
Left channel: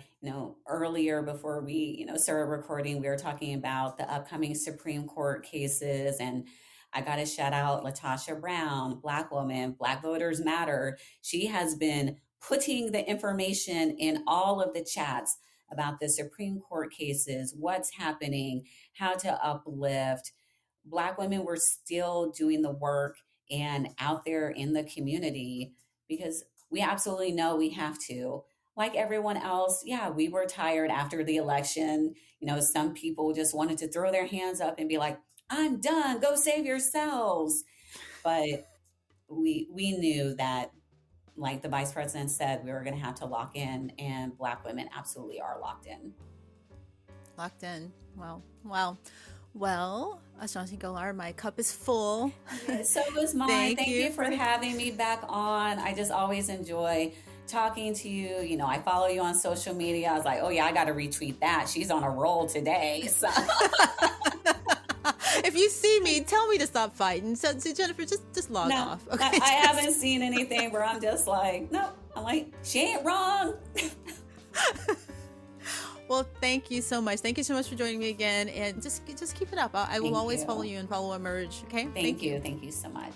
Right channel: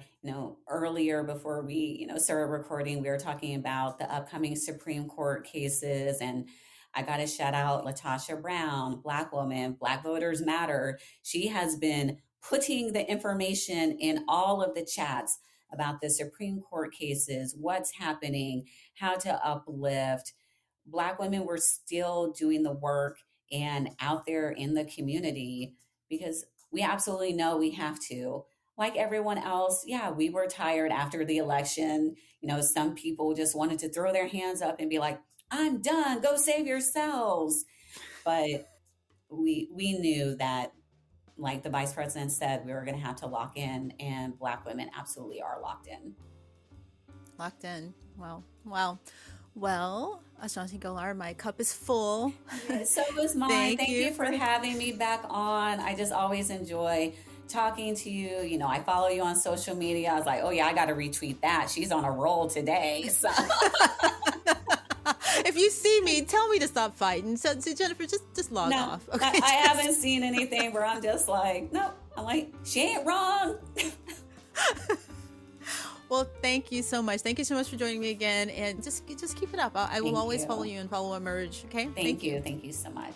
Earlier before we, started recording, we were talking about the upcoming Supreme Court cases, and I got to shout out Latasha Brown, Black woman, Black Voters Matter. She has been putting the information in all of the chats about the Supreme Court cases, what's happening, how to uplift. Black women were still doing the work and out there in the community because we absolutely know we have to. Like everyone else, yeah, we were tired after the election. Some people just wanted to throw their hands up and be like, I'm done, go save yourselves. But we knew that, like the vice president said, we were going to have to lock in, and Black women absolutely are locked in. Locked in. Wow. Well, Ashanti Gholar, my cup is full. So was mine. Thank you for having me back on. I just always enjoy talking to you. I follow you on social media. I was like, oh yeah, I got to retweet that. She's on a roll today. So if you see me, tell me to stop fighting. So Jennifer, just log off. Okay, I haven't seen anything where I'm just like, no. I'm like, she ain't wrong. Well, thank you so much. Thank you so much for joining me again, and just keep it up. I will always follow you and follow Emerge. Okay. Thank you. Thank you so much.